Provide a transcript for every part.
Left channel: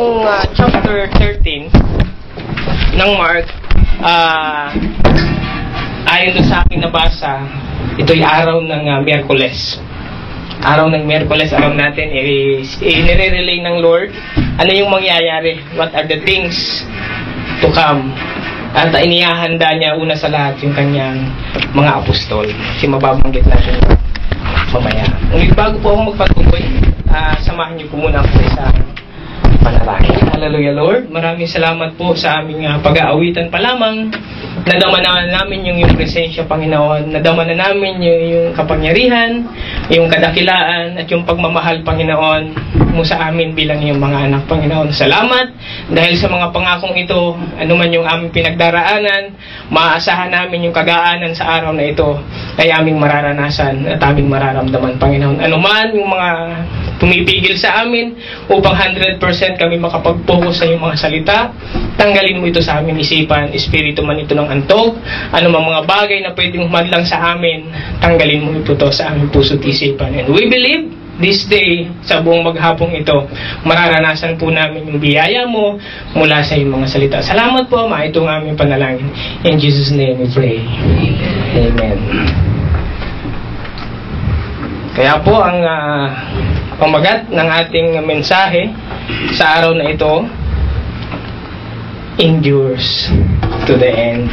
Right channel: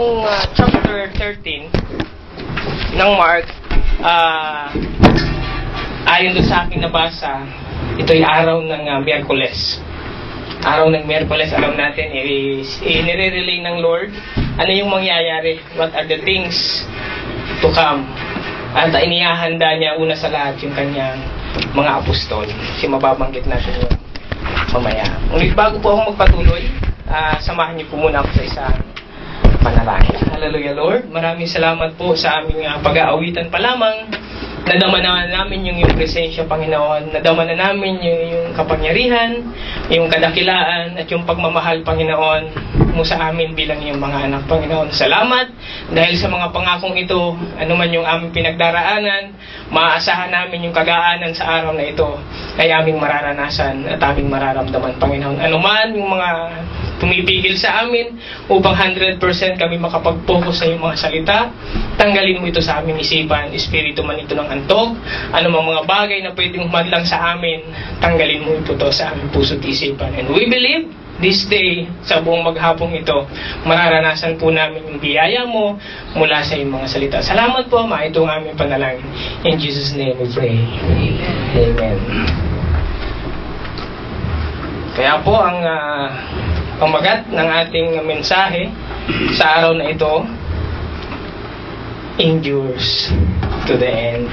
itong chapter 13 ng Mark, ayon doon sa aking nabasa, ito'y araw ng Miyerkules. Araw ng Miyerkules, alam natin, nire-relay ng Lord ano yung mangyayari, what are the things to come. At inihahanda niya una sa lahat yung kanyang mga apostol. Kasi mababanggit natin yun mamaya. Ngunit bago po ako magpatuloy, samahan niyo po muna ako sa panalangin. Hallelujah, Lord. Maraming salamat po sa aming pag-aawitan pa lamang. Nadama na namin yung presensya, Panginoon. Nadama na namin yung kapangyarihan, yung kadakilaan, at yung pagmamahal, Panginoon, mo sa amin bilang yung mga anak, Panginoon. Salamat dahil sa mga pangakong ito, anuman yung aming pinagdaraanan, maaasahan namin yung kagaanan sa araw na ito ay aming mararanasan at aming mararamdaman, Panginoon. Anuman yung mga tumipigil sa amin upang 100% kami makapag-focus sa iyong mga salita, tanggalin mo ito sa aming isipan, espiritu man ito ng antok, anumang mga bagay na pwedeng humadlang sa amin, tanggalin mo ito sa aming puso't isipan. And we believe this day, sa buong maghapong ito, mararanasan po namin yung biyaya mo mula sa iyong mga salita. Salamat po, Ama, itong aming panalangin. In Jesus' name we pray. Amen. Kaya po, ang pamagat ng ating mensahe sa araw na ito, endures to the end.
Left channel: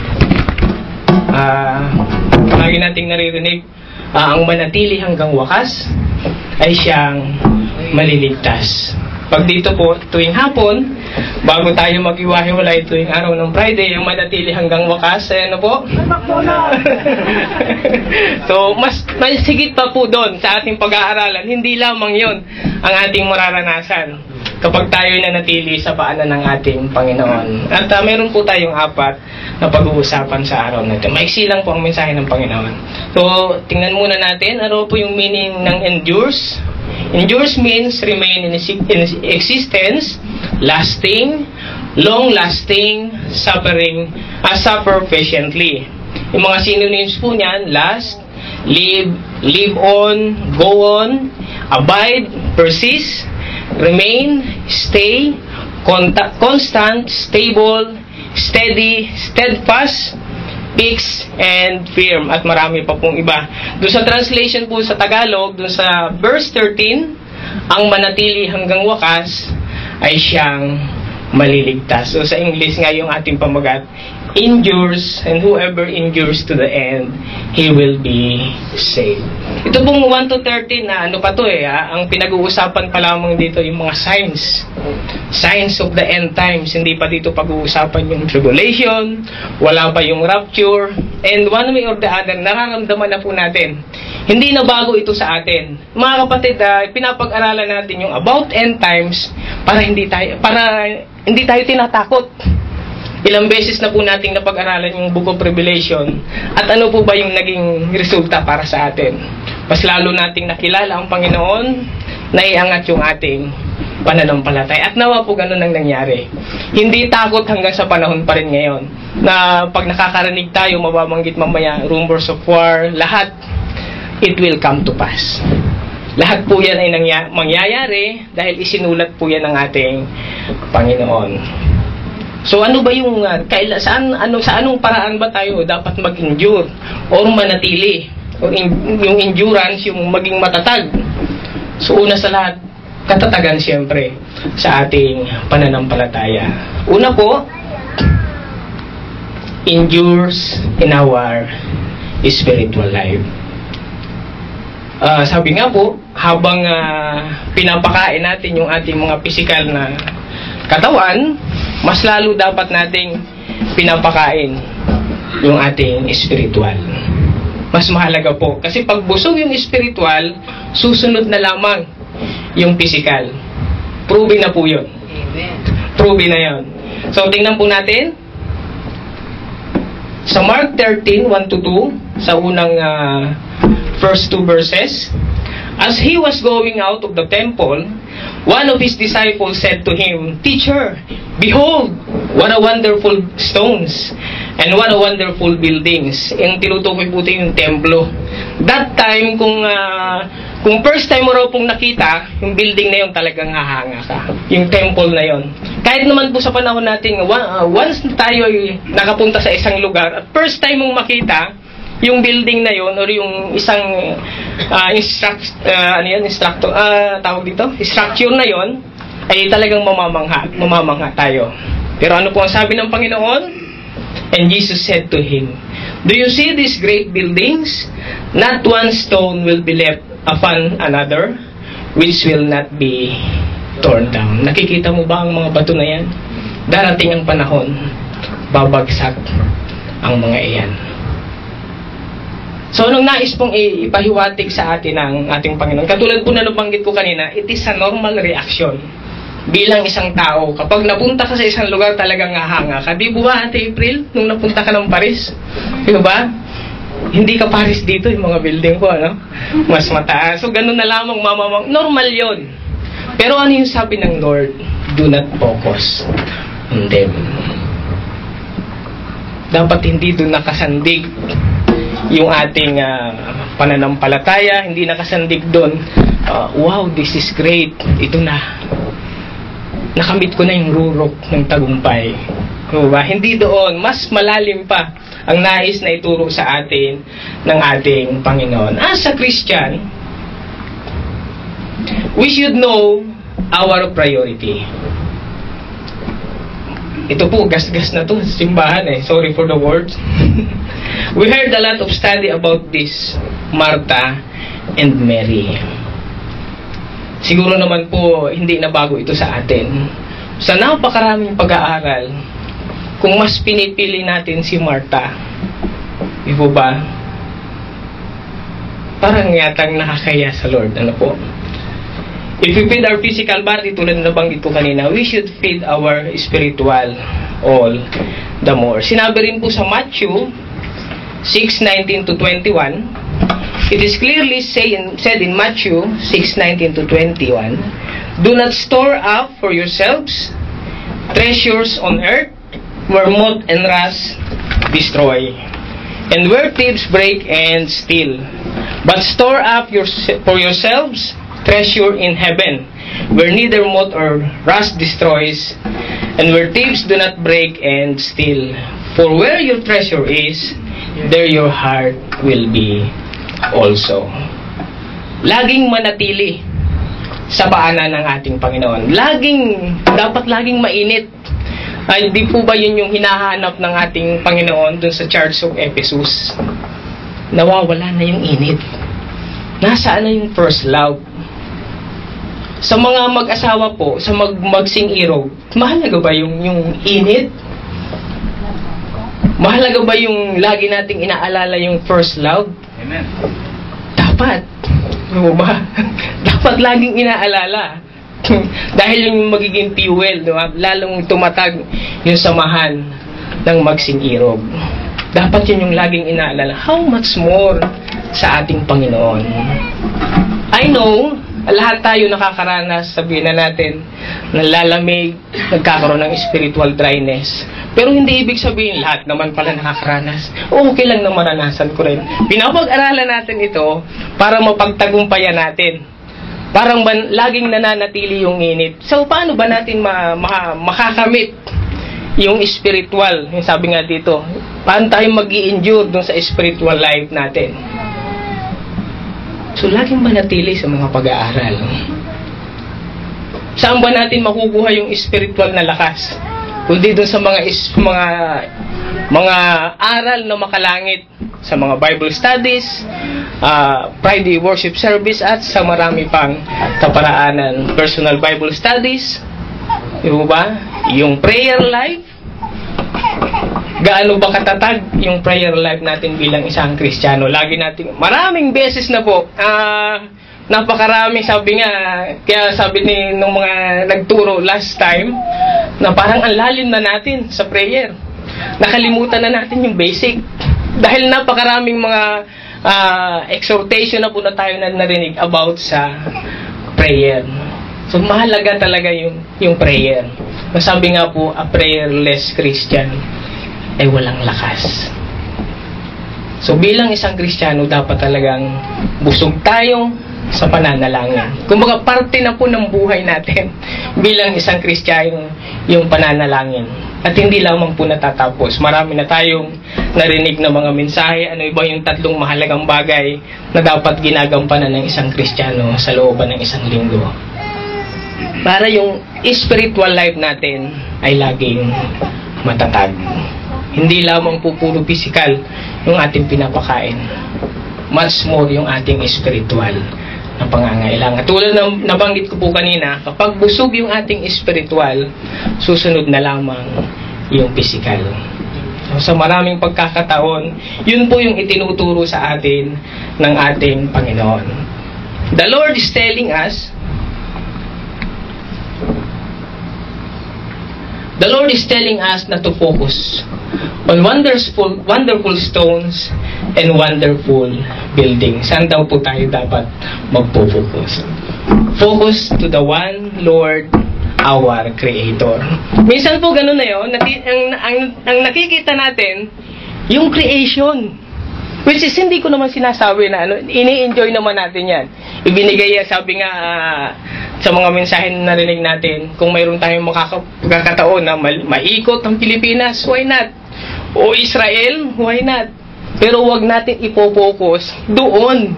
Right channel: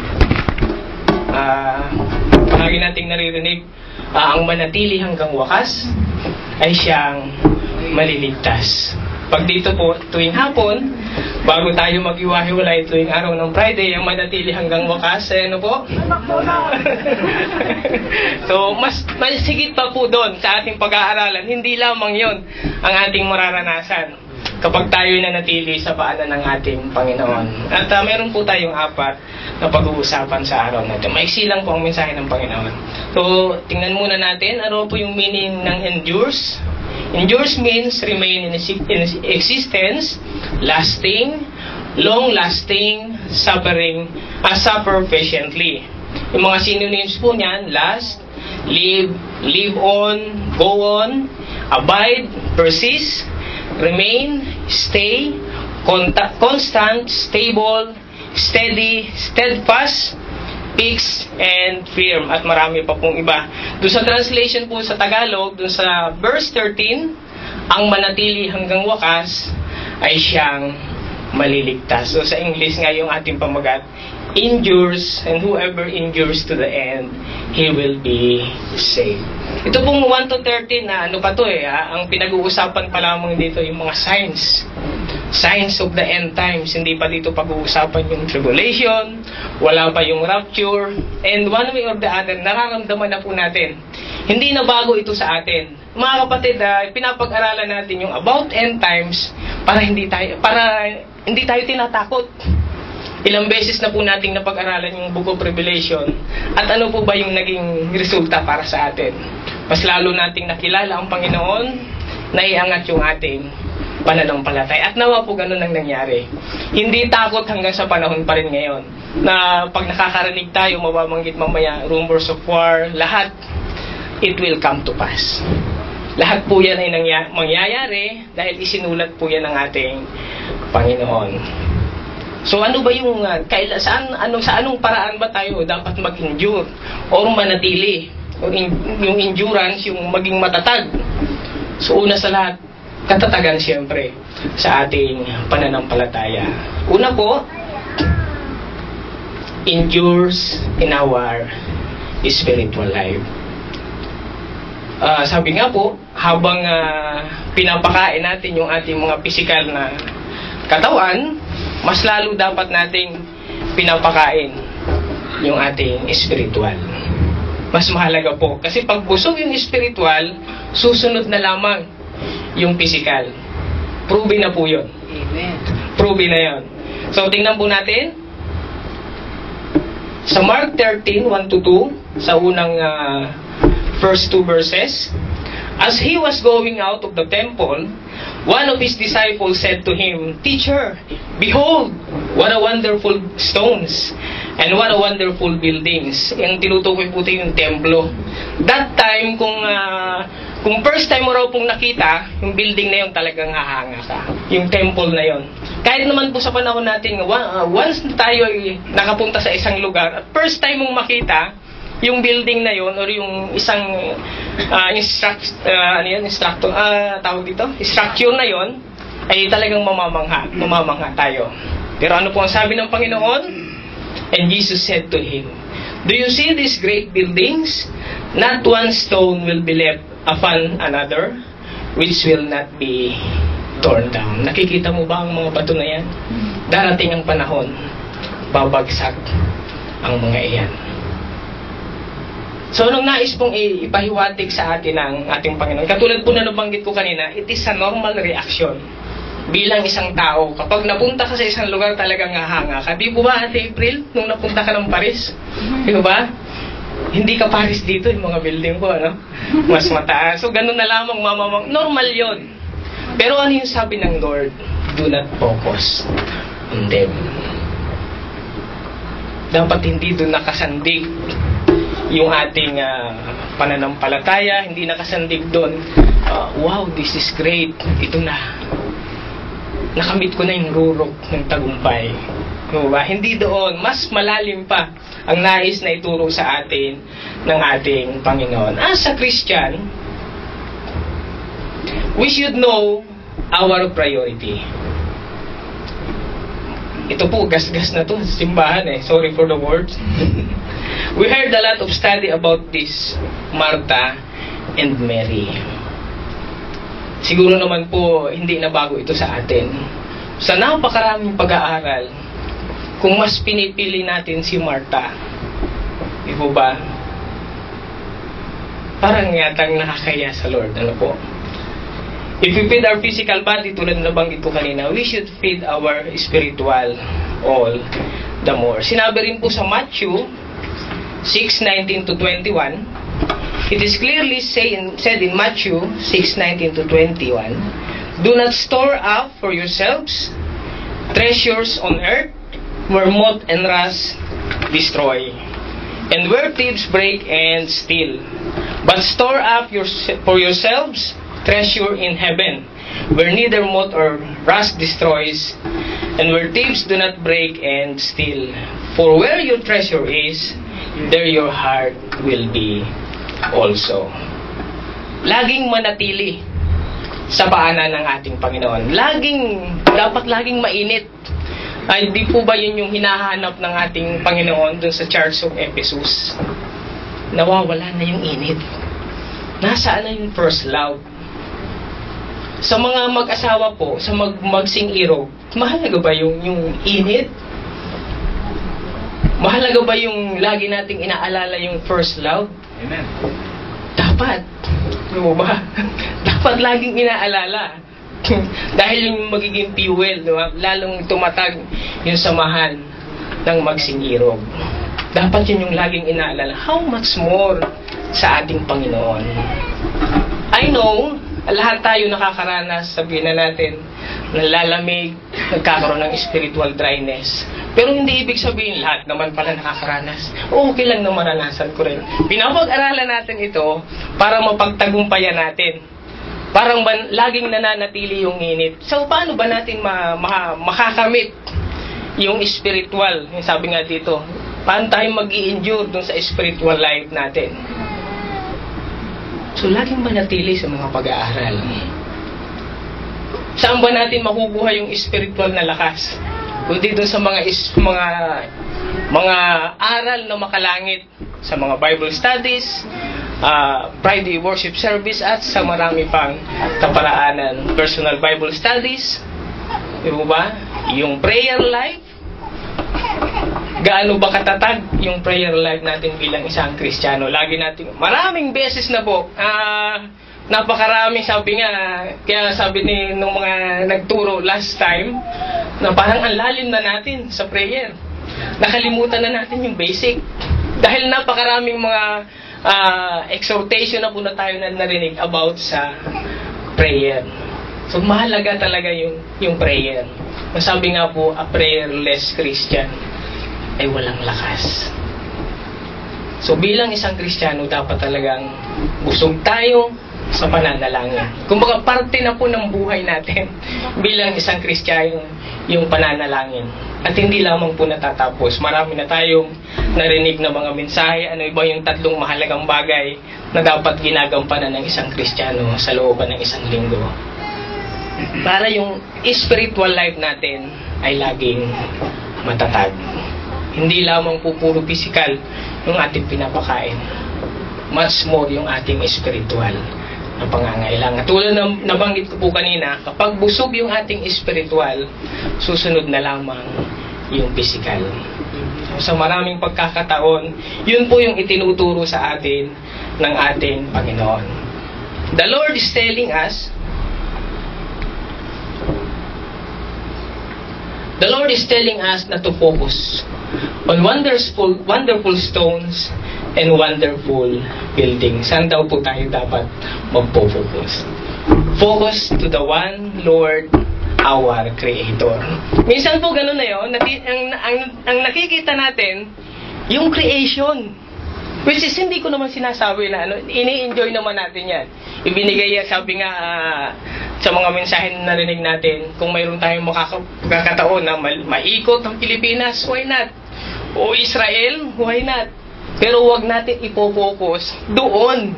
Lagi nating naririnig, ang manatili hanggang wakas ay siyang maliligtas. Pag dito po, tuwing hapon, bago tayo mag-iwahiwalay tuwing araw ng Friday, ang manatili hanggang wakas, ay ano po? So, mas sigit pa po doon sa ating pag-aaralan. Hindi lamang yon ang ating mararanasan kapag tayo nanatili sa paanan ng ating Panginoon. At meron po tayong 4 na pag-uusapan sa araw na ito. Maiksi lang po ang mensahe ng Panginoon. So, tingnan muna natin, ano po yung meaning ng endures? Endures means remain in existence, lasting, long-lasting, suffer patiently. Yung mga synonyms po niyan, last, live on, go on, abide, persist, remain, stay, constant, stable, steady, steadfast, fixed, and firm. At marami pa pong iba. Doon sa translation po sa Tagalog, doon sa verse 13, ang manatili hanggang wakas ay siyang maliligtas. So sa English nga yung ating pamagat, endures, and whoever endures to the end, he will be saved. Ito pong 1 to 13 na ano pa to ang pinag-uusapan pa lamang dito yung mga signs of the end times. Hindi pa dito pag-uusapan yung tribulation, wala pa yung rapture, and one way or the other, nararamdaman na po natin. Hindi na bago ito sa atin. Mga kapatid, pinapag-aralan natin yung about end times para hindi tayo tinatakot. Ilang beses na po nating napag-aralan yung Book of Revelation at ano po ba yung naging resulta para sa atin. Mas lalo nating nakilala ang Panginoon, naiangat yung ating pananampalataya. At nawa po ganun ang nangyari. Hindi takot hanggang sa panahon pa rin ngayon. Na pag nakakarinig tayo, mababanggit mamaya, rumors of war, lahat, it will come to pass. Lahat po yan ay mangyayari dahil isinulat po yan ng ating Panginoon. So ano ba yung sa anong paraan ba tayo dapat mag-endure or manatili? Or yung endurance, yung maging matatag. So una sa lahat, katatagan siyempre sa ating pananampalataya. Una po, endures in our spiritual life. Sabi nga po, habang pinapakain natin yung ating mga physical na katawan, mas lalo dapat nating pinapakain yung ating spiritual. Mas mahalaga po. Kasi pag busog yung spiritual, susunod na lamang yung physical. Proven na po yun. Proven na yun. So, tingnan po natin. Sa Mark 13, 1-2, sa unang first 2 verses, as he was going out of the temple, one of his disciples said to him, "Teacher, behold, what a wonderful stones, and what a wonderful buildings." Yung tinutukoy po yung templo. That time, kung Kung first time mo raw pong nakita, yung building na yun talagang hahanga ka. Yung temple na yun. Kahit naman po sa panahon natin, once na tayo ay nakapunta sa isang lugar, at first time mong makita, yung building na yun, or yung isang structure na yun, ay talagang mamamangha tayo. Pero ano po ang sabi ng Panginoon? And Jesus said to him, "Do you see these great buildings? Not one stone will be left upon another, which will not be torn down." Nakikita mo ba ang mga bato na yan? Darating ang panahon, babagsak ang mga iyan. So, anong nais pong ipahiwatig sa atin ng ating Panginoon? Katulad po na nabanggit ko kanina, it is a normal reaction. Bilang isang tao, kapag napunta ka sa isang lugar, talagang hahanga ka. Di ba, Ate April, nung napunta ka ng Paris? Di ba? Hindi ka Paris dito, yung mga building ko, ano? Mas mataas. So, ganun na lamang, normal yon. Pero ano yung sabi ng Lord? Do not focus on them. Dapat hindi doon nakasandig yung ating pananampalataya, hindi nakasandig doon. Wow, this is great. Ito na. Nakamit ko na yung rurok ng tagumpay. Diba? Hindi doon. Mas malalim pa ang nais na ituro sa atin ng ating Panginoon. As a Christian, we should know our priority. Ito po, gas-gas na to, simbahan eh. Sorry for the words. We heard a lot of study about this, Martha and Mary. Siguro naman po, hindi na bago ito sa atin. Sa napakaraming pag-aaral, kung mas pinipili natin si Martha, di po ba? Parang yatang nakakaya sa Lord. Ano po? If we feed our physical body, tulad na nabanggit ko kanina, we should feed our spiritual all the more. Sinabi rin po sa Matthew 6:19 to 21, it is clearly said in Matthew 6:19 to 21, "Do not store up for yourselves treasures on earth, where moth and rust destroy, and where thieves break and steal. But store up for yourselves treasure in heaven, where neither moth or rust destroys, and where thieves do not break and steal. For where your treasure is, there your heart will be also." Laging manatili sa paanan ng ating Panginoon. Dapat laging mainit. Ay, di po ba yun yung hinahanap ng ating Panginoon dun sa Church of Ephesus? Nawawala na yung init. Nasaan na yung first love? Sa mga mag-asawa po, sa magsing-irog, mahalaga ba yung init? Mahalaga ba yung lagi nating inaalala yung first love? Amen. Dapat. Ano ba? Dapat laging inaalala. Dahil yung magiging fuel, diba? Lalong tumatag yung samahan ng magsing-irog. Dapat yun yung laging inaalala. How much more sa ating Panginoon? I know, lahat tayo nakakaranas, sabihin na natin, nalalamig, nagkakaroon ng spiritual dryness. Pero hindi ibig sabihin lahat naman pala nakakaranas. Okay lang na maranasan ko rin. Pinapag-aralan natin ito para mapagtagumpayan natin. Parang laging nananatili yung init. So, paano ba natin makakamit yung spiritual? Yung sabi nga dito, paano tayo mag-i-endure dun sa spiritual life natin? So, laging manatili sa mga pag-aaral. Saan ba natin makukuha yung spiritual na lakas? Kundi doon sa mga aral na makalangit, sa mga Bible studies, Friday worship service, at sa marami pang kaparaanan. Personal Bible studies, diba ba? Yung prayer life, gaano ba katatag yung prayer life natin bilang isang Kristiyano? Lagi natin, maraming beses na po, napakarami, sabi nga, kaya sabi nung mga nagturo last time, na parang ang lalim na natin sa prayer. Nakalimutan na natin yung basic. Dahil napakaraming mga exhortation na po na tayo narinig about sa prayer. So, mahalaga talaga yung prayer. Sabi nga po, a prayerless Christian ay walang lakas. So, bilang isang Kristiyano, dapat talagang busog tayong sa pananalangin. Kumbaga, parte na po ng buhay natin bilang isang Kristiyano yung pananalangin. At hindi lamang po natatapos. Marami na tayong narinig na mga mensahe. Ano ba yung 3 mahalagang bagay na dapat ginagampanan ng isang Kristiyano sa looban ng isang linggo? Para yung spiritual life natin ay laging matatag. Hindi lamang po puro physical yung ating pinapakain. Much more yung ating spiritual na pangangailangan. Tulad ng nabanggit ko po kanina, kapag busog yung ating spiritual, susunod na lamang yung physical. So, sa maraming pagkakataon, yun po yung itinuturo sa atin ng ating Panginoon. The Lord is telling us, not to focus on wonderful stones and wonderful buildings. Saan daw po tayo dapat magpo-focus? Focus to the one Lord, our Creator. Minsan po ganun na yun, ang nakikita natin, yung creation. Which is, hindi ko naman sinasabi na ini-enjoy naman natin yan. Ibinigay yan, sabi nga, sa mga mensahe na narinig natin, kung mayroon tayong makakataon na maikot ang Pilipinas, why not? O Israel, why not? Pero wag natin ipo-focus doon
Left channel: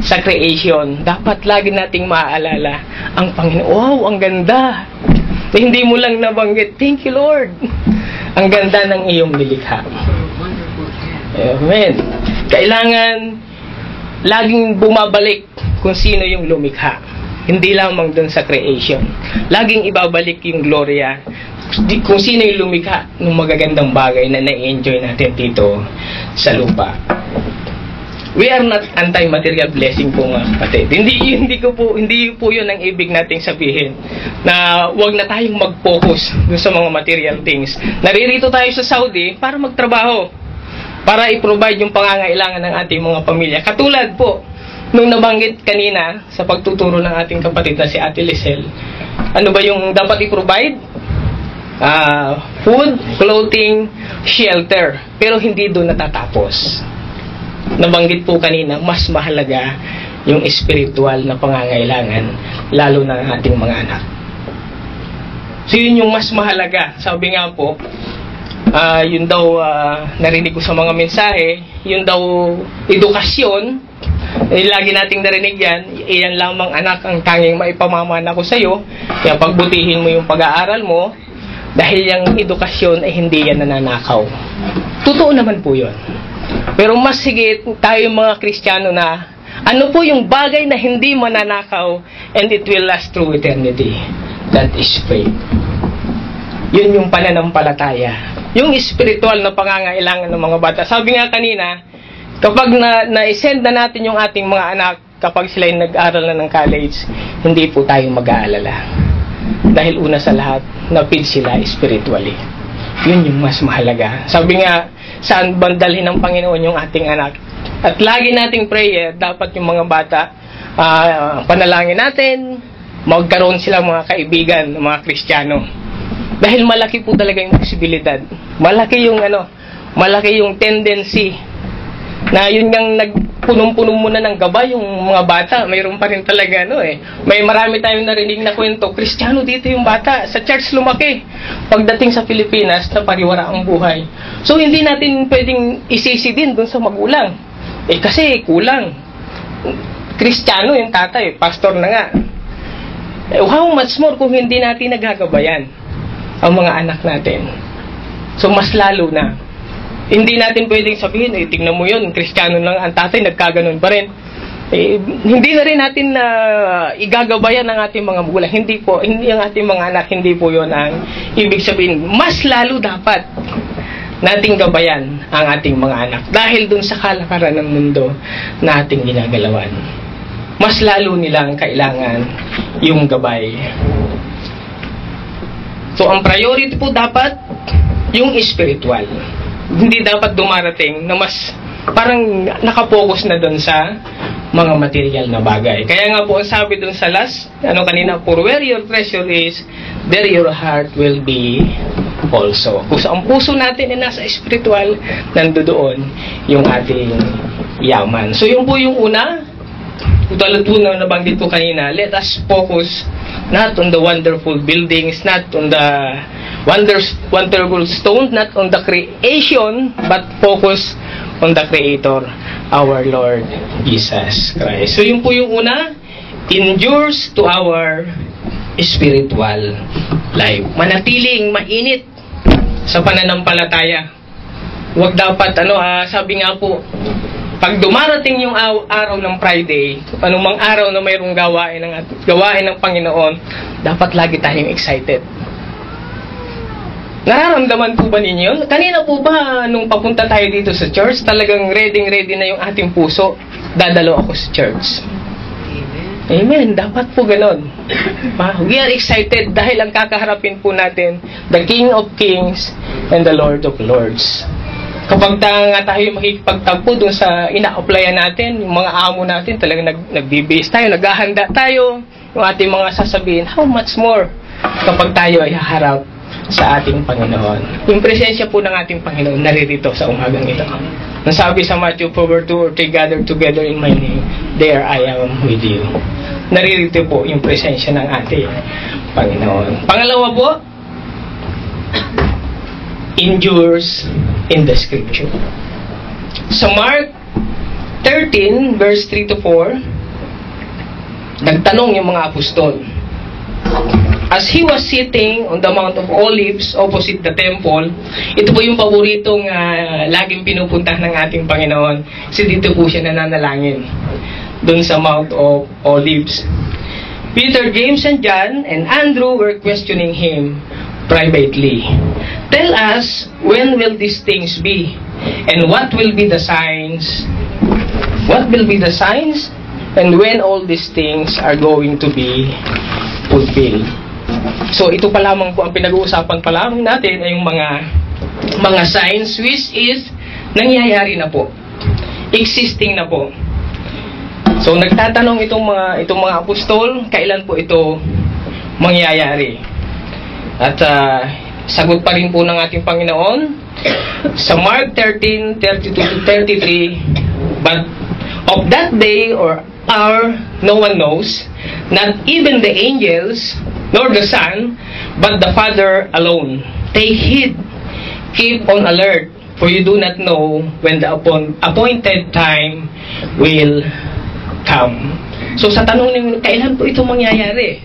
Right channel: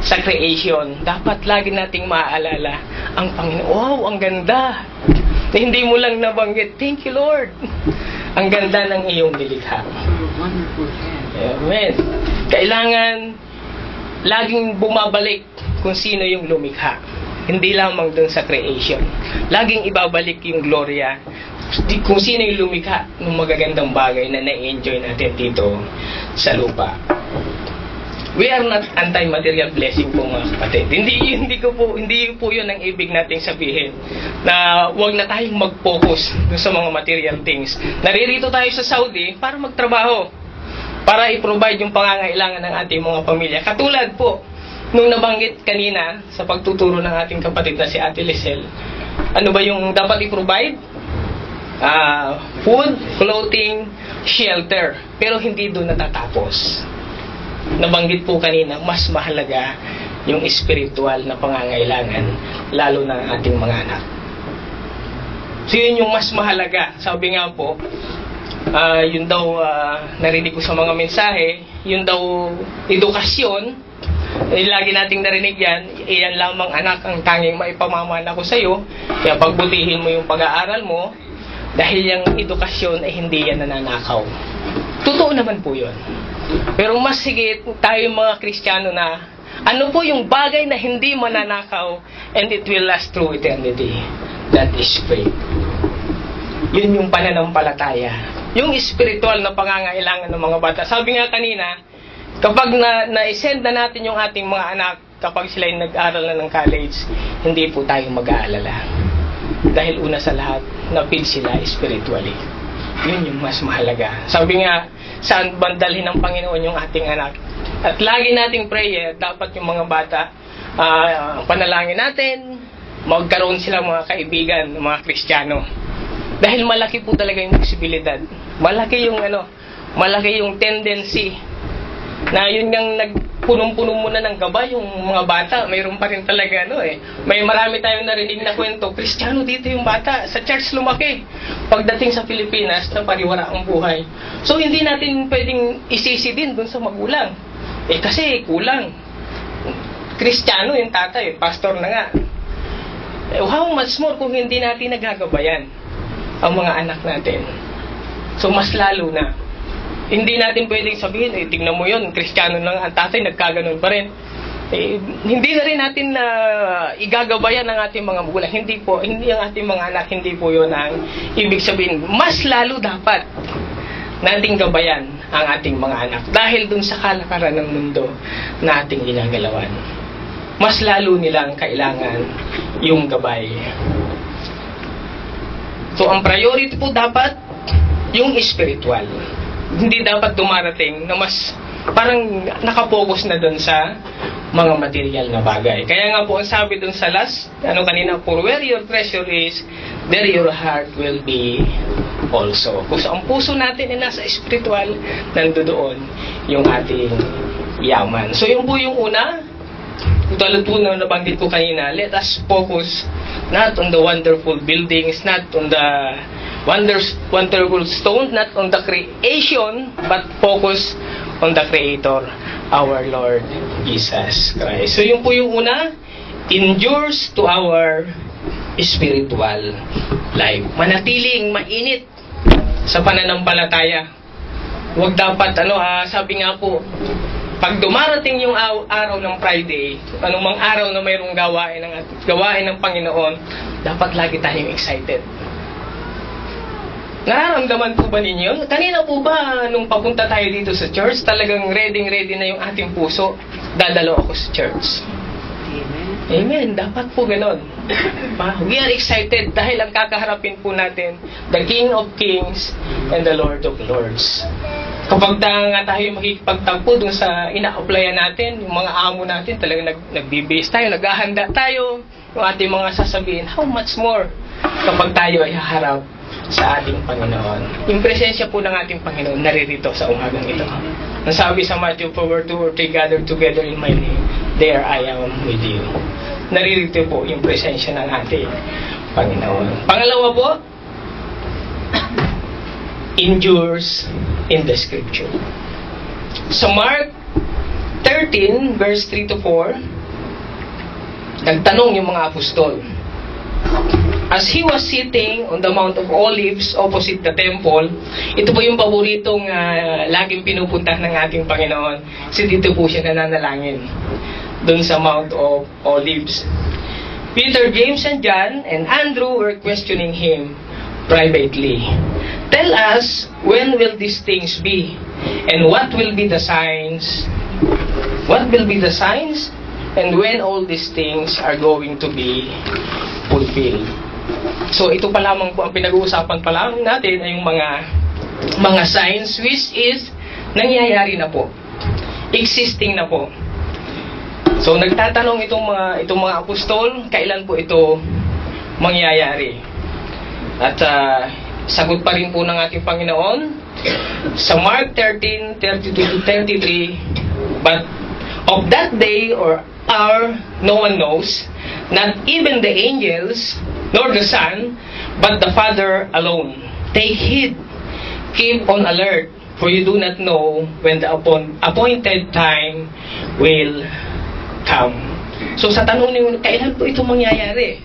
sa creation. Dapat lagi nating maaalala ang Panginoon. Wow, ang ganda! Hindi mo lang nabanggit, thank you Lord! Ang ganda ng iyong nilikha. Amen. Kailangan laging bumabalik kung sino yung lumikha. Hindi lamang dun sa creation. Laging ibabalik yung gloria kung sino yung lumikha ng magagandang bagay na na-enjoy natin dito sa lupa. We are not anti-material blessing po mga kapatid. Hindi po yun ang ibig nating sabihin na wag na tayong mag-focus dun sa mga material things. Naririto tayo sa Saudi para magtrabaho, para i-provide yung pangangailangan ng ating mga pamilya. Katulad po nung nabanggit kanina sa pagtuturo ng ating kapatid na si Ate Lisel, ano ba yung dapat i-provide? Food, clothing, shelter. Pero hindi doon natatapos. Nabanggit po kanina, mas mahalaga yung spiritual na pangangailangan, lalo na ng ating mga anak. So yun yung mas mahalaga. Sabi nga po, yun daw narinig ko sa mga mensahe, yun daw edukasyon. Lagi nating narinig yan, iyan lamang anak ang tanging maipamamana ko sa iyo, kaya pagbutihin mo yung pag-aaral mo, dahil yung edukasyon ay hindi yan nananakaw. Totoo naman po yun. Pero mas higit tayo mga Kristiyano na, ano po yung bagay na hindi mananakaw and it will last through eternity? That is faith. Yun yung pananampalataya. Yung spiritual na pangangailangan ng mga bata. Sabi nga kanina, kapag na-send na natin yung ating mga anak, kapag sila yung nag-aral na ng college, hindi po tayo mag-aalala. Dahil una sa lahat, na-feed sila spiritually. Yun yung mas mahalaga. Sabi nga, saan bandalhin ng Panginoon yung ating anak? At lagi nating prayer, dapat yung mga bata, panalangin natin, magkaroon sila mga kaibigan, mga Kristiyano. Dahil malaki po talaga yung posibilidad. Malaki yung tendency na yun yung nagpunong-puno muna ng gabay yung mga bata. Mayroon pa rin talaga may marami tayong narinig na kwento, Kristiyano dito yung bata, sa church lumaki. Pagdating sa Pilipinas, napariwara ang buhay. So hindi natin pwedeng isisi din dun sa magulang. Kasi kulang. Kristiyano yung tatay, pastor na nga. How much more kung hindi natin nagagabayan ang mga anak natin. So mas lalo na, hindi natin pwedeng sabihin, tingnan mo yun, Kristiyano lang ang tatay, nagkaganon pa rin. Hindi na rin natin igagabayan ng ating mga magulang. Hindi ang ating mga anak, hindi po yun ang ibig sabihin. Mas lalo dapat nating gabayan ang ating mga anak dahil dun sa kalakaran ng mundo na ating ginagalawan. Mas lalo nilang kailangan yung gabay. So, ang priority po dapat yung spiritual. Hindi dapat dumarating na mas parang nakapokus na doon sa mga material na bagay. Kaya nga po, ang sabi doon sa last, kanina, for where your treasure is, there your heart will be also. Kung ang puso natin ay nasa spiritual, nandoon yung ating yaman. So, yun po yung una, tulad po na nabanggit ko kanina, let us focus not on the wonderful buildings, not on the wonderful stones, not on the creation, but focus on the Creator, our Lord Jesus Christ. So yun po yung una, endures to our spiritual life. Manatiling mainit sa pananampalataya. Huwag dapat, sabi nga po, pag dumarating yung araw ng Friday, anumang araw na mayroong gawain ng Panginoon, dapat lagi tayong excited. Nararamdaman po ba ninyo? Kanina po ba, nung papunta tayo dito sa church, talagang ready na yung ating puso, dadalo ako sa church. Amen. Dapat po ganon. We are excited dahil ang kakaharapin po natin, the King of Kings and the Lord of Lords. Kapag tayo makikipagtagpo dun sa ina-applyan natin, yung mga amo natin, talagang nagbibihis tayo, naghahanda tayo, yung ating mga sasabihin, how much more kapag tayo ay haharap sa ating Panginoon. Yung presensya po ng ating Panginoon naririto sa umagang ito. Nasabi sa Matthew 4:2, or 3 gathered together in my name, there I am with you. Naririto po yung presensya ng ating Panginoon. Pangalawa po, endures in the Scripture. Sa Mark 13, verse 3 to 4, nagtanong yung mga apostol. As he was sitting on the Mount of Olives opposite the temple, ito po yung paboritong laging pinupuntahan ng ating Panginoon. Kasi dito po siya nananalangin, doon sa Mount of Olives. Peter, James, and John, and Andrew were questioning him privately. Tell us, when will these things be? And what will be the signs? What will be the signs? And when all these things are going to be fulfilled? So ito pa lamang po ang pinag-uusapan pa lamang natin ay yung mga signs which is nangyayari na po. Existing na po. So nagtatanong itong mga apostol, kailan po ito mangyayari? At sagot pa rin po ng ating Panginoon sa Mark 13:32-33, but of that day or hour no one knows, not even the angels nor the Son, but the Father alone. Take heed, keep on alert, for you do not know when the appointed time will come. So sa tanong ninyo, kailan po ito mangyayari?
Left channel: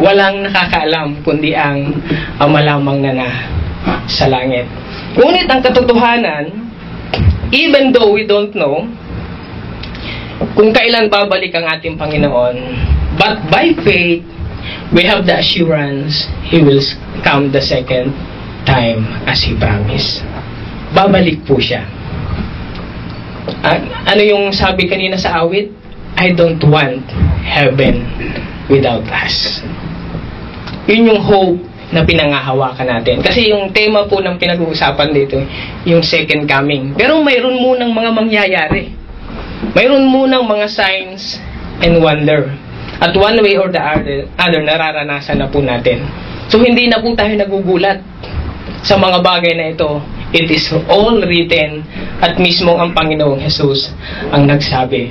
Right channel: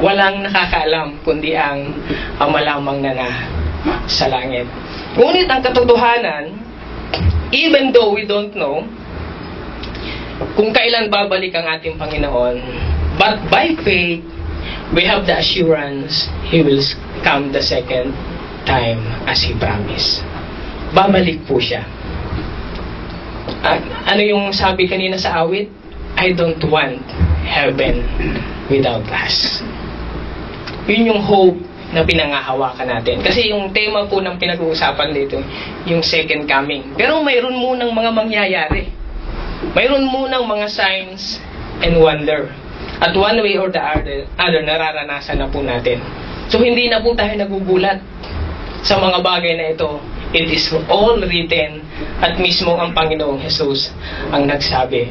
Walang nakakaalam kundi ang Ama lamang na sa langit. Ngunit ang katotohanan, even though we don't know kung kailan babalik ang ating Panginoon, but by faith, we have the assurance He will come the second time as He promised. Babalik po siya. Ano yung sabi kanina sa awit? I don't want heaven without us. Yun yung hope na pinangahawakan natin. Kasi yung tema po ng pinag-uusapan dito, yung second coming. Pero mayroon munang mga mangyayari. Mayroon munang mga signs and wonder. At one way or the other, nararanasan na po natin. So hindi na po tayo nagugulat sa mga bagay na ito. It is all written at mismo ang Panginoong Jesus ang nagsabi.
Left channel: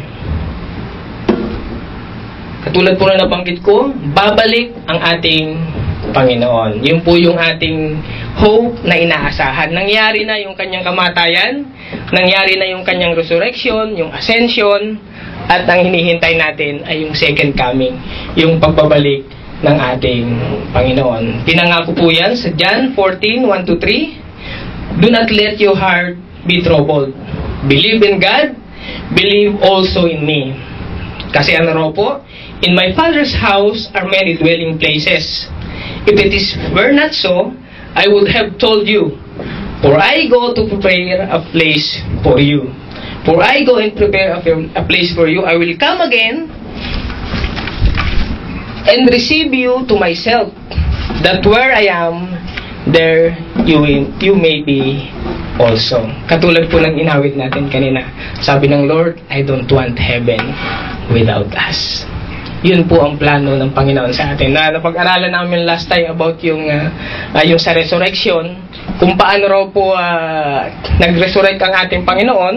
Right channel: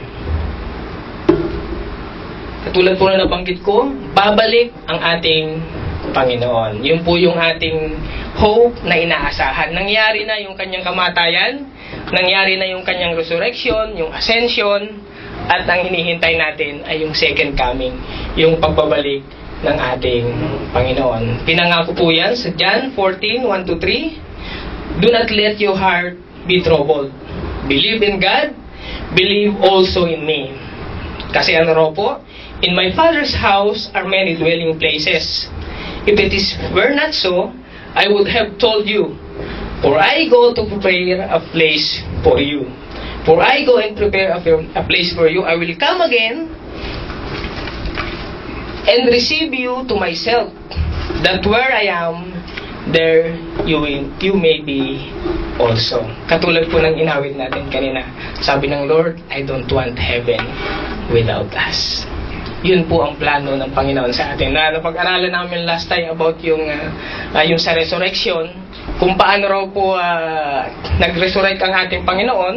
Katulad po na nabanggit ko, babalik ang ating Panginoon. Yun po yung ating hope na inaasahan. Nangyari na yung kanyang kamatayan, nangyari na yung kanyang resurrection, yung ascension, at ang hinihintay natin ay yung second coming, yung pagbabalik ng ating Panginoon. Pinangako po yan sa John 14:1-3. Do not let your heart be troubled. Believe in God, believe also in me. Kasi ano raw po? In my Father's house are many dwelling places. If it were not so, I would have told you. For I go to prepare a place for you. For I go and prepare a place for you. I will come again and receive you to myself, that where I am, there you may be also. Katulad po ng inawit natin kanina. Sabi ng Lord, I don't want heaven without us. Yun po ang plano ng Panginoon sa atin. Napag-aralan namin last time about yung sa resurrection, kung paano raw po nag-resurrect ang ating Panginoon,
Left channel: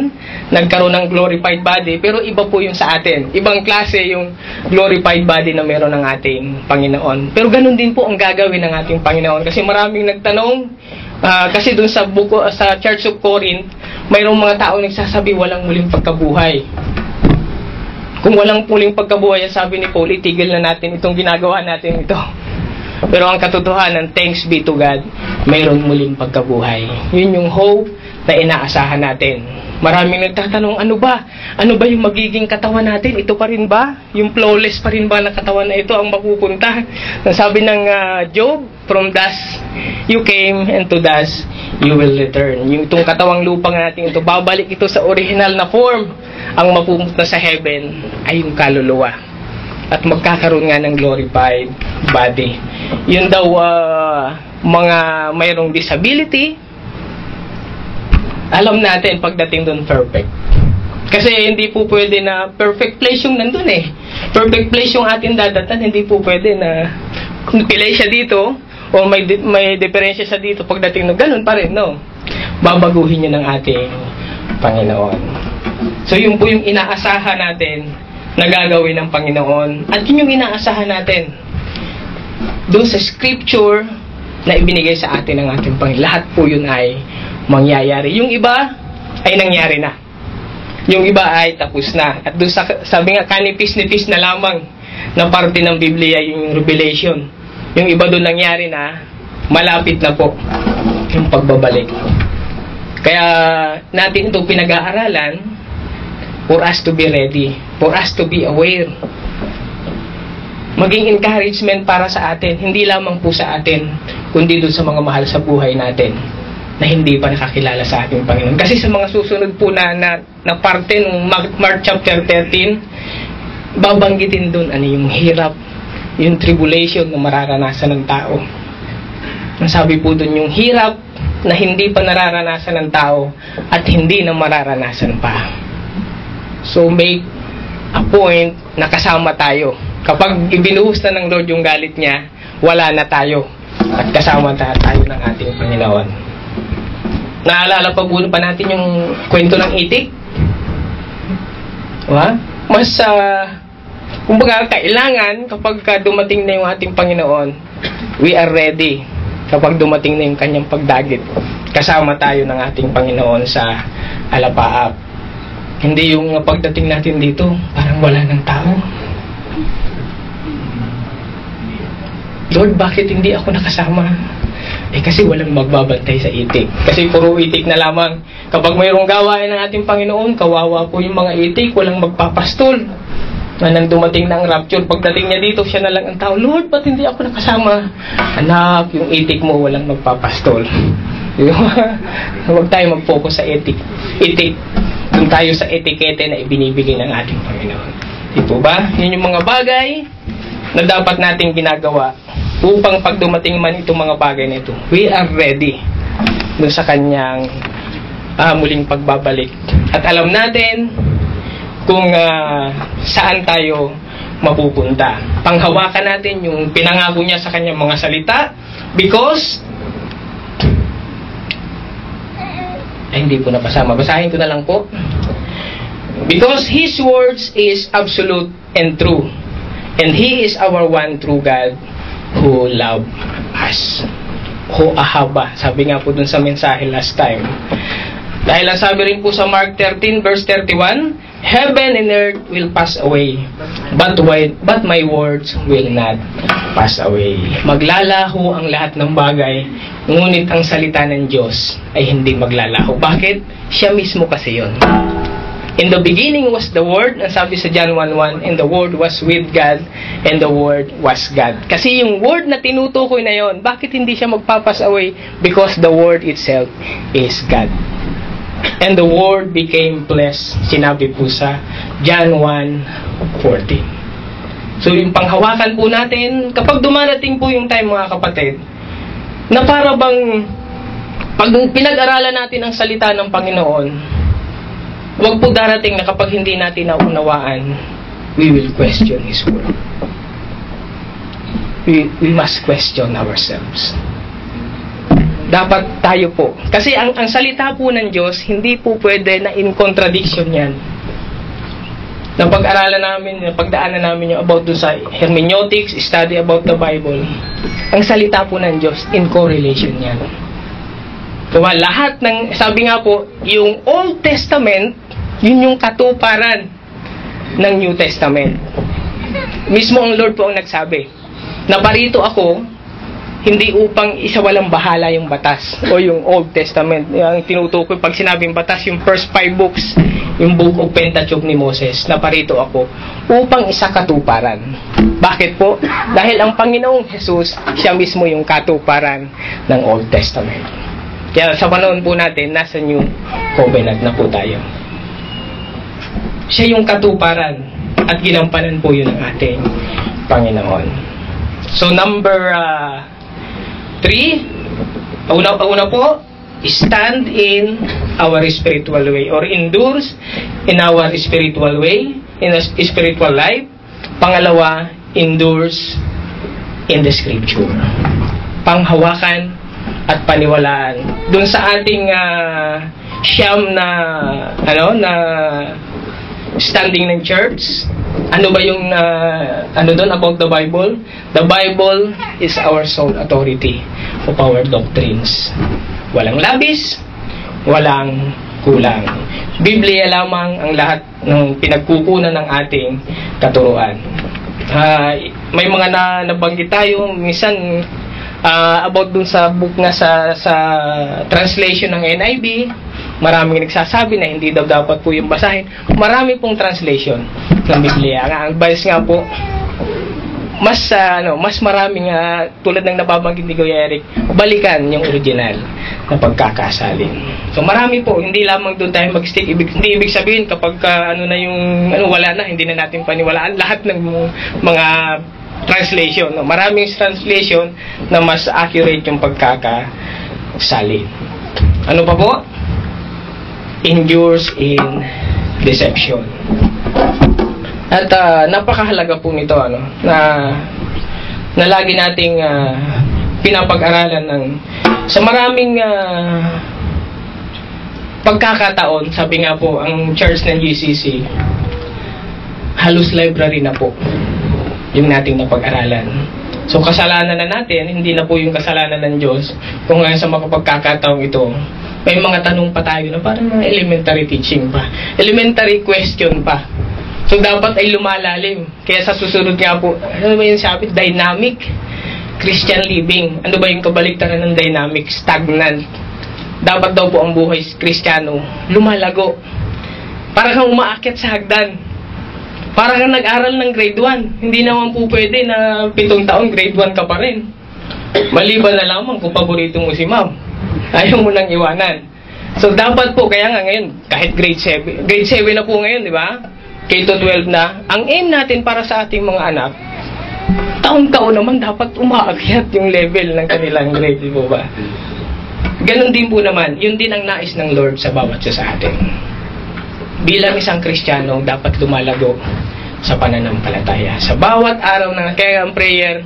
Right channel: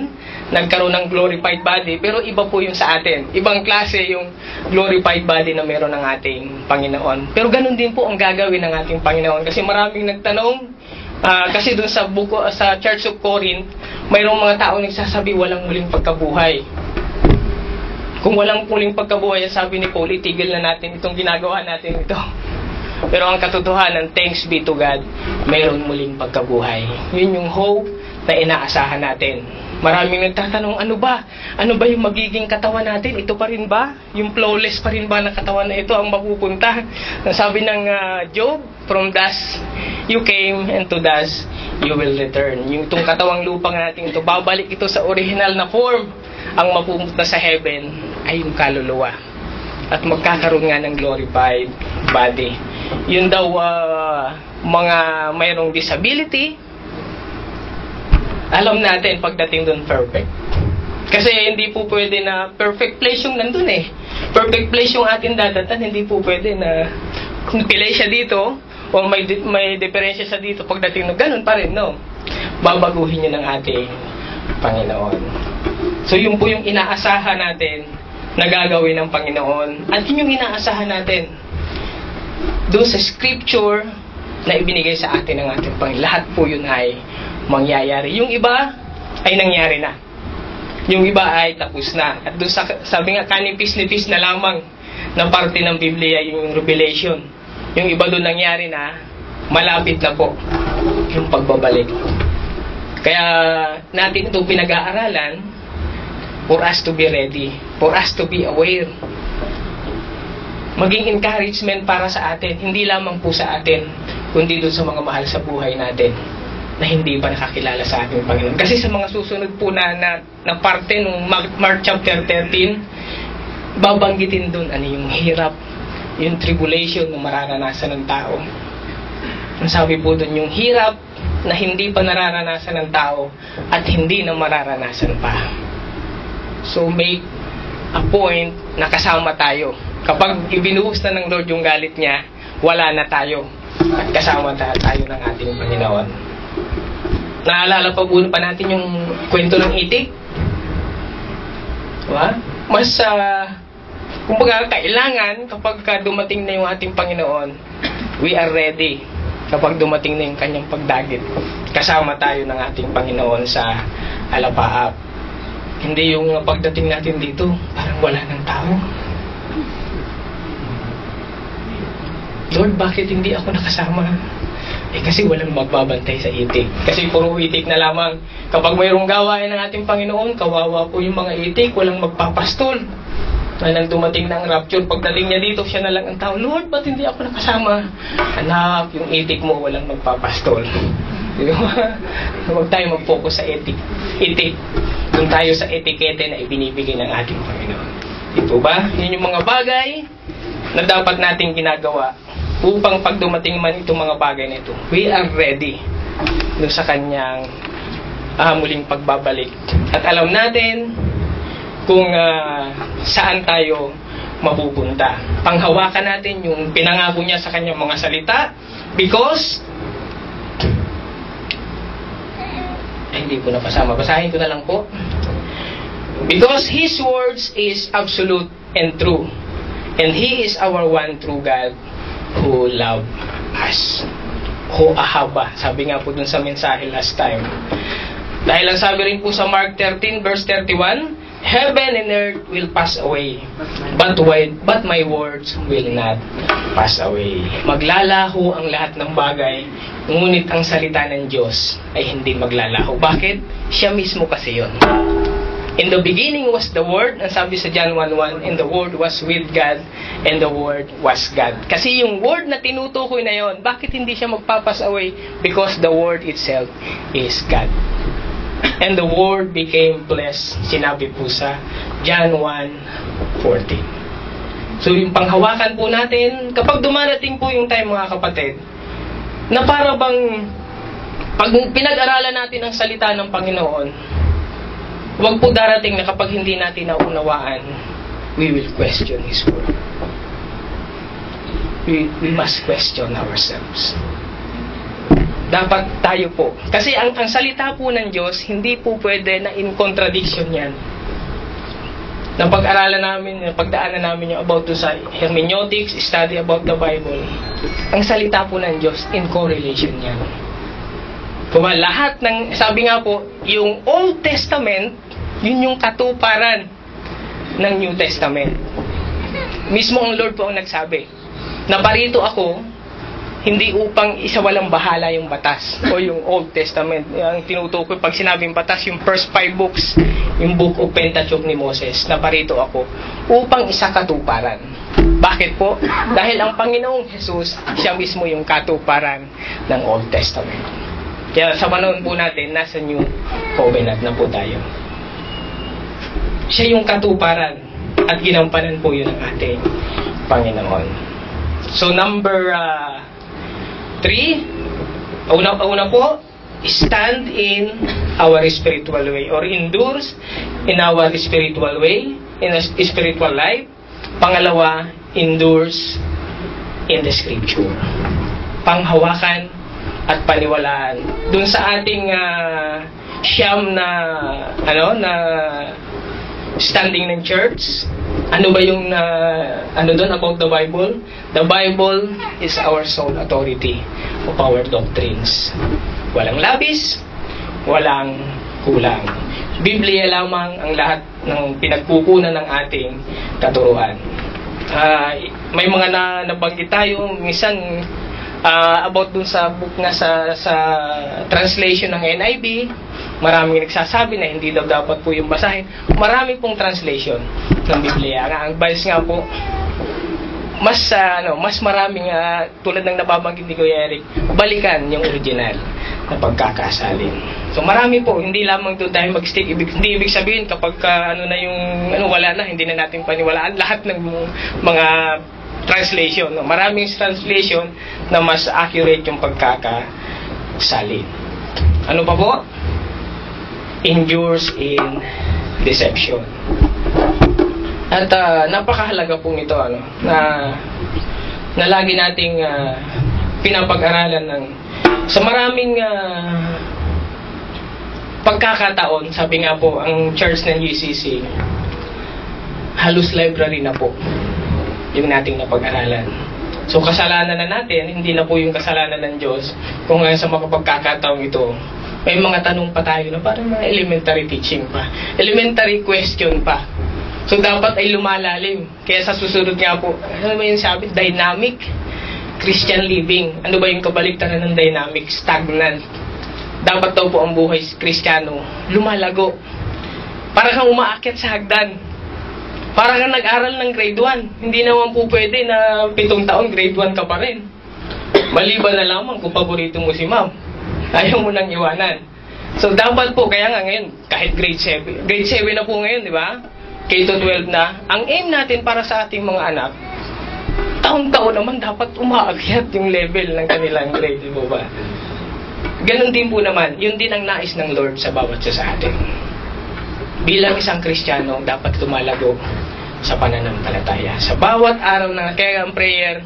nagkaroon ng glorified body, pero iba po yung sa atin. Ibang klase yung glorified body na meron ng ating Panginoon. Pero ganun din po ang gagawin ng ating Panginoon. Kasi maraming nagtanong, kasi dun sa Church of Corinth, mayroong mga tao nagsasabi walang muling pagkabuhay. Kung walang muling pagkabuhay, sabi ni Paul, itigil na natin itong ginagawa natin ito. Pero ang katotohanan, thanks be to God, mayroon muling pagkabuhay. Yun yung hope na inaasahan natin. Maraming nagtatanong, ano ba? Ano ba yung magiging katawan natin? Ito pa rin ba? Yung flawless pa rin ba na katawan na ito ang mapupunta? Sabi ng Job, from dust you came and to dust you will return. Yung itong katawang lupang natin ito, babalik ito sa original na form. Ang mapupunta sa heaven ay yung kaluluwa. At magkakaroon nga ng glorified body. Yun daw mga mayroong disability, alam natin pagdating doon perfect. Kasi hindi po pwede na perfect place yung nandun eh. Perfect place yung atin dadatan, hindi po pwede na kung pilay siya dito o may diferensya sa dito pagdating no, ganun pa rin, no? Babaguhin yun ng ating Panginoon. So yun po yung inaasahan natin na gagawin ng Panginoon. At yun yung inaasahan natin doon sa scripture na ibinigay sa atin ng ating Panginoon. Lahat po yun ay mangyayari. Yung iba ay nangyari na. Yung iba ay tapos na. At doon sabi nga, kanipis-nipis na lamang na parte ng Biblia yung Revelation. Yung iba doon nangyari na, malapit na po yung pagbabalik. Kaya natin itong pinag-aaralan for us to be ready, for us to be aware. Maging encouragement para sa atin, hindi lamang po sa atin, kundi doon sa mga mahal sa buhay natin na hindi pa nakakilala sa ating Panginoon. Kasi sa mga susunod po na parte ng Mark chapter 13, babanggitin doon ano yung hirap, yung tribulation na mararanasan ng tao. Ang sabi po doon, yung hirap na hindi pa nararanasan ng tao at hindi na mararanasan pa. So make a point na kasama tayo. Kapag ibinuhos na ng Lord yung galit niya, wala na tayo. At kasama tayo ng ating Panginoon. Naalala pa po pa natin yung kwento ng itik? Diba? Mas, kumbaga, kailangan kapag dumating na yung ating Panginoon, we are ready. Kapag dumating na yung kanyang pagdagit, kasama tayo ng ating Panginoon sa alapaap. Hindi yung pagdating natin dito, parang wala ng tao. Lord, bakit hindi ako nakasama? Kasi walang magbabantay sa itik. Kasi puro itik na lamang. Kapag mayroong gawain ng ating Panginoon, kawawa po yung mga itik, walang magpapastol. Nang dumating ng rapture, pagdating niya dito, siya na lang ang tao, Lord, ba't hindi ako nakasama? Anak, yung itik mo, walang magpapastol. Huwag tayo mag-focus sa itik. Doon tayo sa etikete na ibinibigay ng ating Panginoon. Ito ba? Yun yung mga bagay na dapat nating ginagawa upang pag dumating man itong mga bagay na ito, we are ready doon sa kanyang muling pagbabalik. At alam natin kung saan tayo mapupunta. Panghawakan natin yung pinangako niya sa kanyang mga salita because hindi po napasama. Basahin ko na lang po. Because His words is absolute and true. And He is our one true God who love us. Who ahaba. Sabi nga po dun sa mensahe last time. Dahil ang sabi rin po sa Mark 13 verse 31, Heaven and earth will pass away, but my words will not pass away. Maglalaho ang lahat ng bagay, ngunit ang salita ng Diyos ay hindi maglalaho. Bakit? Siya mismo kasi yun. In the beginning was the Word, ang sabi sa John 1:1, and the Word was with God, and the Word was God. Kasi yung Word na tinutukoy na yon, bakit hindi siya magpapass away? Because the Word itself is God. And the Word became flesh, sinabi po sa John 1:14. So yung panghawakan po natin, kapag dumarating po yung time mga kapatid, na para bang pag pinag-aralan natin ang salita ng Panginoon, huwag po darating na kapag hindi natin naunawaan, we will question His Word. We must question ourselves. Dapat tayo po. Kasi ang salita po ng Diyos, hindi po pwede na in contradiction yan. Napag-aralan namin, napagdaanan namin yung about doon sa hermeneutics, study about the Bible. Ang salita po ng Diyos, in correlation yan. Diba? Lahat ng, sabi nga po, yung Old Testament, yun yung katuparan ng New Testament. Mismo ang Lord po ang nagsabi, na parito ako, hindi upang isawalang bahala yung batas o yung Old Testament. Yung tinutukoy, pag sinabing batas, yung first 5 books, yung Book of Pentateuch ni Moses, na parito ako, upang isa katuparan. Bakit po? Dahil ang Panginoong Jesus, siya mismo yung katuparan ng Old Testament. Kaya sa panahon po natin, nasa New Covenant na po tayo. Siya yung katuparan at ginampanan po yun ng ating Panginoon. So number 3, una po, stand in our spiritual way or endures in our spiritual way, in a spiritual life. Pangalawa, endures in the Scripture. Panghawakan at paniwalaan. Doon sa ating siyam na standing ng church, ano ba yung doon about the Bible? The Bible is our sole authority of our doctrines. Walang labis, walang kulang. Biblia lamang ang lahat ng pinagkukunan ng ating katuruan. May mga nabanggit tayo minsan about dun sa book nga sa translation ng NIV. Maraming nagsasabi na hindi daw dapat po yung basahin. Marami pong translation ng Biblia. Ang advice nga po, mas maraming tulad ng nababanggit ni Kuya Eric, balikan yung original na pagkakasalin. So marami po, hindi lamang doon tayo mag-stick. Hindi ibig sabihin kapag wala na, hindi na natin paniwalaan lahat ng mga translation. Maraming translation na mas accurate yung pagkakasalin. Ano pa po? Endures in deception. At napakahalaga po nito na lagi nating pinapag-aralan sa maraming pagkakataon. Sabi nga po, ang church ng GCC halos library na po yung nating napag-aralan. So kasalanan na natin, hindi na po yung kasalanan ng Diyos. Kung ngayon sa mapapagkakataong ito, may mga tanong pa tayo na parang mga elementary teaching pa. Elementary question pa. So dapat ay lumalalim. Kaya sa susunod nga po, ano ba yung sabi? Dynamic Christian living. Ano ba yung kabaliktaran ng dynamic? Stagnant. Dapat daw po ang buhay Kristiyano lumalago. Para kang umaakyat sa hagdan. Para kang nag-aral ng grade 1. Hindi naman po pwede na 7 taon grade 1 ka pa rin. Maliban na lamang kung paborito mo si ma'am. Ayaw mo nang iwanan. So dapat po, kaya nga ngayon, kahit grade 7. Grade 7 na po ngayon, di ba? K-12 na. Ang aim natin para sa ating mga anak, taon-taon naman dapat umaakyat yung level ng kanilang grade, di ba? Ganon din po naman, yun din ang nais ng Lord sa bawat isa sa atin. Bilang isang Kristiyano, dapat lumalago sa pananampalataya. Sa bawat araw na, kaya ang prayer,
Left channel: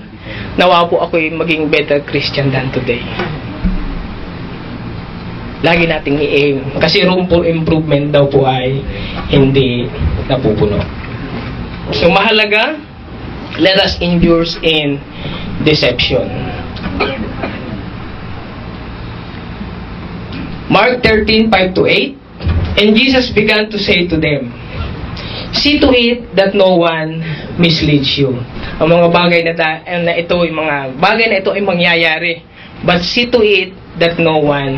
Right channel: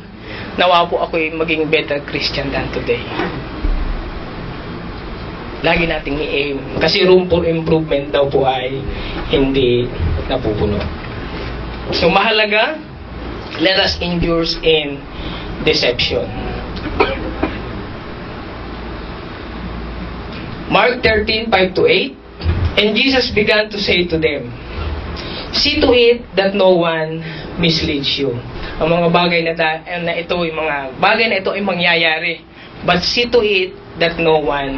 nawa po ako'y maging better Christian than today. Lagi nating i-aim. Kasi room for improvement daw po ay hindi napupuno. So mahalaga, let us endure in deception. Mark 13:5-8. And Jesus began to say to them, see to it that no one misleads you. Ang mga bagay na ito, yung mga bagay na ito ay mangyayari. But see to it that no one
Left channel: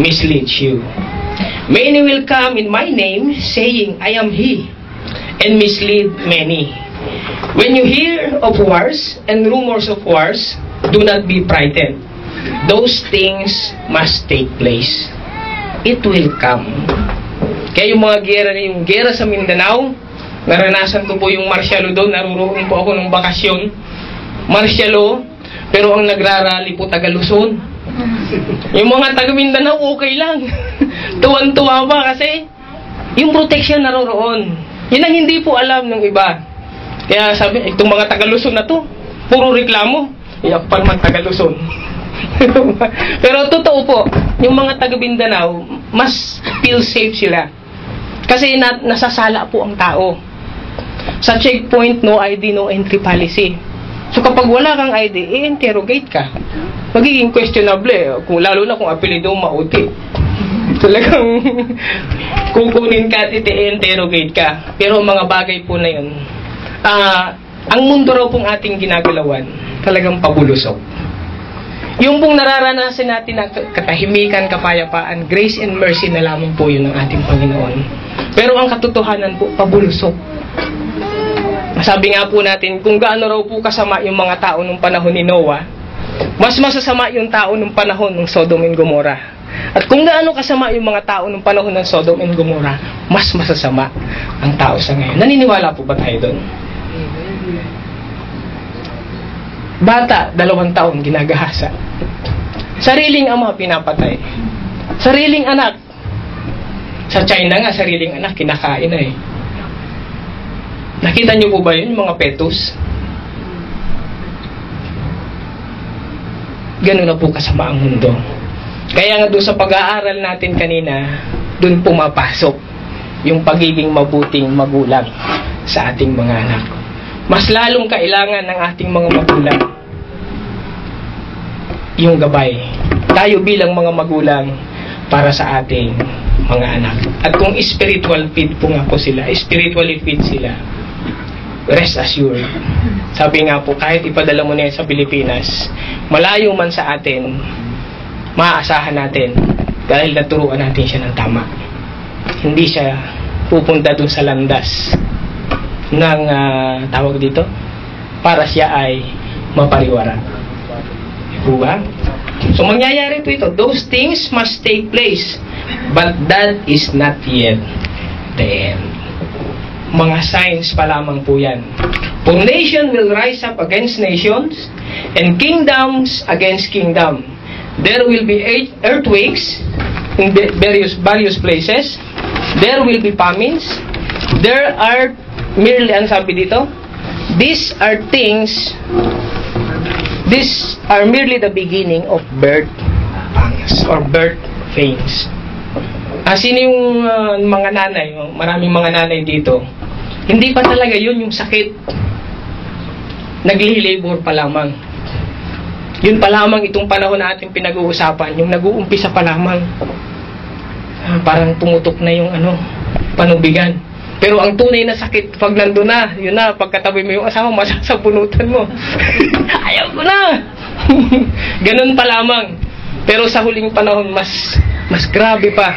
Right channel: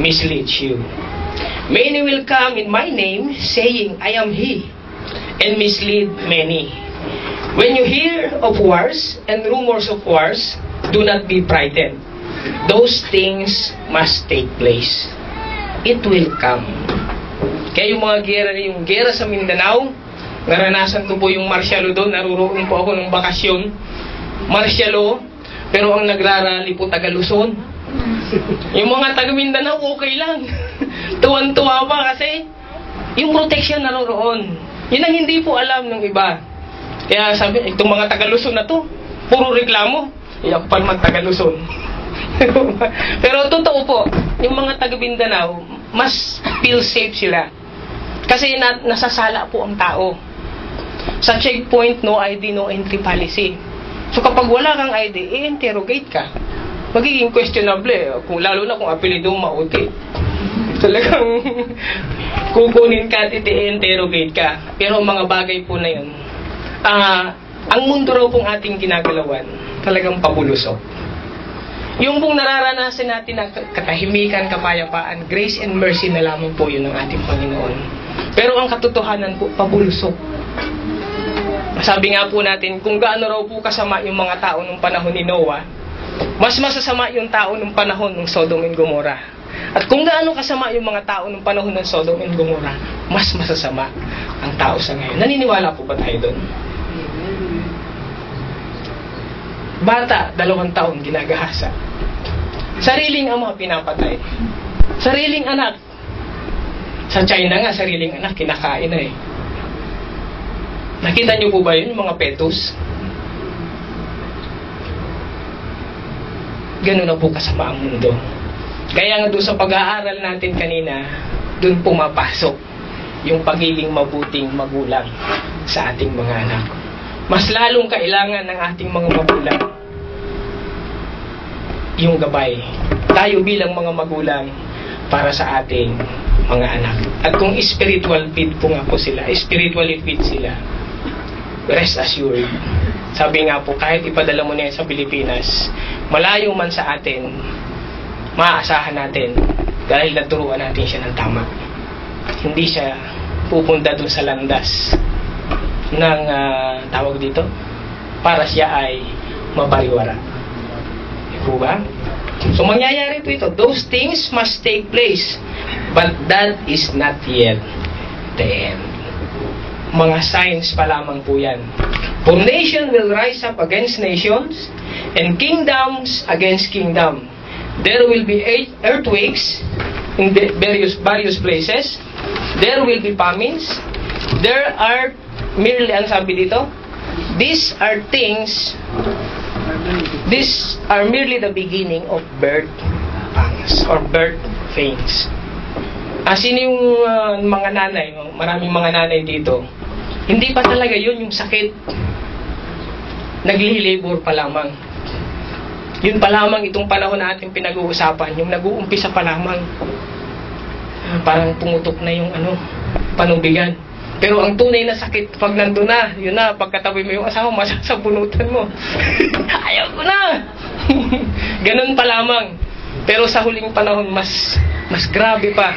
misleads you. Many will come in my name, saying, I am he, and mislead many. When you hear of wars and rumors of wars, do not be frightened. Those things must take place. It will come. Kaya yung mga gera sa Mindanao, naranasan ko po yung martial law doon, naruroon po ako ng bakasyon. Martial law, pero ang nagrarally po taga Luzon. Yung mga taga Mindanao, okay lang. Tuwan-tuwa pa kasi yung protection naroroon. Yun ang hindi po alam ng iba. Kaya sabi, itong mga taga-Luzon na to, puro reklamo. Ako pa naman taga-Luzon. Pero totoo po, yung mga taga-Mindanao, mas feel safe sila. Kasi nasasala po ang tao. Sa checkpoint, no ID, no entry policy. So kapag wala kang ID, i-interrogate ka. Magiging questionable, kung lalo na kung apelido mauti. Talagang kukunin ka at i-interrogate ka. Pero mga bagay po na yun, ang mundo raw pong ating ginagalawan, talagang pabulusok. Yung pong nararanasan natin na katahimikan, kapayapaan, grace and mercy na lamang po yun ng ating Panginoon. Pero ang katotohanan po, pabulusok. Sabi nga po natin, kung gaano raw po kasama yung mga tao nung panahon ni Noah, mas masasama yung tao nung panahon ng Sodom and Gomorrah. At kung gaano kasama yung mga tao nung panahon ng Sodom and Gomorrah, mas masasama ang tao sa ngayon. Naniniwala po ba tayo doon? Bata, 2 taon, ginagahasa. Sariling ama, pinapatay. Sariling anak. Sa China nga, sariling anak, kinakain na eh. Nakita niyo po ba yun, yung mga fetus? Ganun na po kasama ang mundo. Kaya nga doon sa pag-aaral natin kanina, doon pumapasok yung pagiging mabuting magulang sa ating mga anak. Mas lalong kailangan ng ating mga magulang yung gabay. Tayo bilang mga magulang para sa ating mga anak. At kung spiritual feed po nga po sila, spiritually feed sila, rest assured. Sabi nga po, kahit ipadala mo na yan sa Pilipinas, malayo man sa atin, maaasahan natin dahil naturuan natin siya ng tama. Hindi siya pupunta dun sa landas ng tawag dito para siya ay mapariwara. Diba ba? So mangyayari po ito. Those things must take place, but that is not yet the end. Mga signs pa lamang po yan. For nation will rise up against nations, and kingdoms against kingdom. There will be earthquakes in various places. There will be famines. There are merely, ang sabi dito, these are merely the beginning of birth pangs or birth pains. Sino yung mga nanay? Maraming mga nanay dito. Hindi pa talaga yun yung sakit. Nagli-labor pa lamang. Yun pa lamang itong panahon na ating pinag-uusapan, yung nag-uumpisa pa lamang. Parang pumutok na yung panubigan. Pero ang tunay na sakit, pag nandun na, yun na, pagkatabi mo yung asawa, masasapunutan mo. Ayaw ko na! Ganun pa lamang. Pero sa huling panahon, mas grabe pa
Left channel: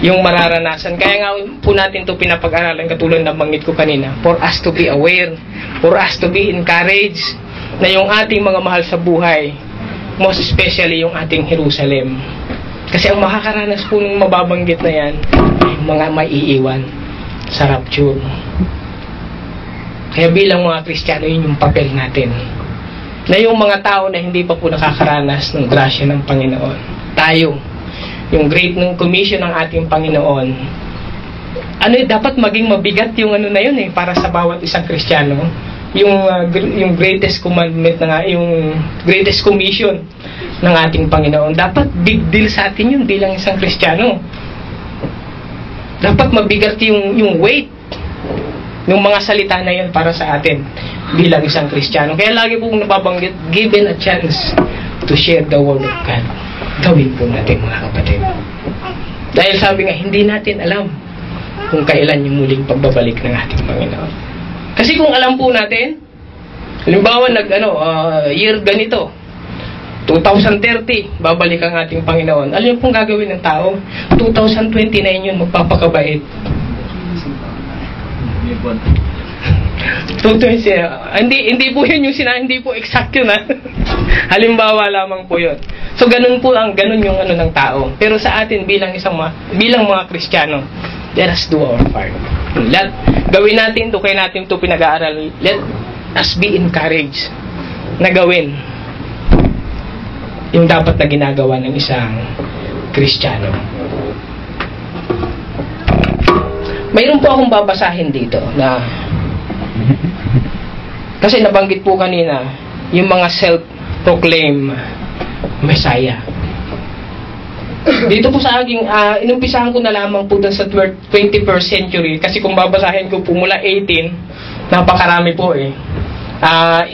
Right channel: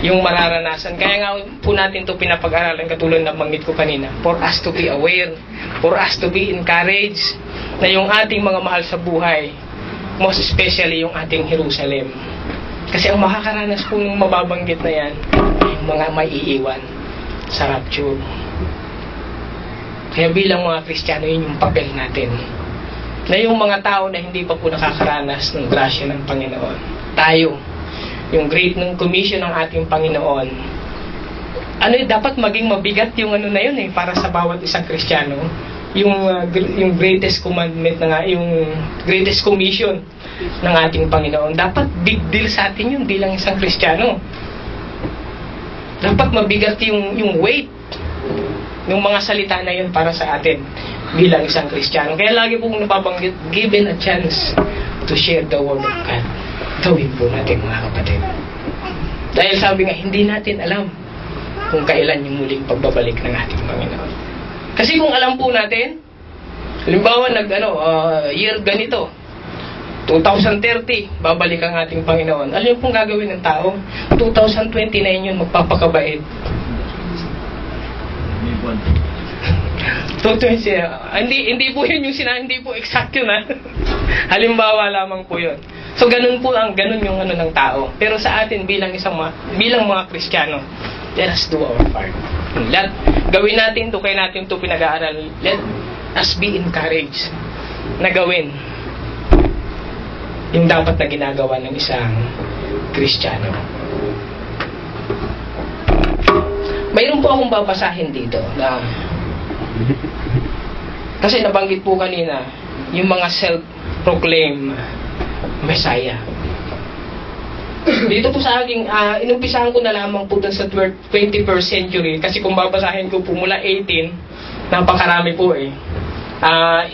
yung mararanasan. Kaya nga po natin ito pinapag-aralan, katulad ng banggit ko kanina, for us to be aware, for us to be encouraged, na yung ating mga mahal sa buhay, most especially yung ating Jerusalem. Kasi ang makakaranas po ng mababanggit na yan, ay mga maiiwan sa rapture. Kaya bilang mga Kristiyano, yun yung papel natin. Na yung mga tao na hindi pa po nakakaranas ng grasya ng Panginoon. Tayo, yung great ng commission ng ating Panginoon, dapat maging mabigat yung na yun para sa bawat isang Kristiyano. Yung greatest commandment yung greatest commission ng ating Panginoon. Dapat big deal sa atin yun bilang isang Kristiyano. Dapat mabigat yung weight ng mga salita na yun para sa atin bilang isang Kristiyano. Kaya lagi pong nababanggit, given a chance to share the word of God. Gawin po natin, mga kapatid. Dahil sabi nga, hindi natin alam kung kailan yung muling pagbabalik ng ating Panginoon. Kasi kung alam po natin, halimbawa year ganito, 2030, babalik ang ating Panginoon. Alam niyo pong gagawin ng tao? 2029 yun, magpapakabait. 220, hindi po yun yung hindi po exact yun halimbawa lamang po yun. So ganun yung ng tao. Pero sa atin bilang mga Kristiyano, let us do our part. Gawin natin ito, kaya natin ito pinag-aaral. Let us be encouraged na gawin yung dapat na ginagawa ng isang Kristiyano. Mayroon po akong babasahin dito na Kasi nabanggit po kanina, yung mga self-proclaim Messiah. Dito po sa aking, inumpisahan ko na lamang po dun sa 21st century, kasi kung babasahin ko po mula 18, napakarami po eh.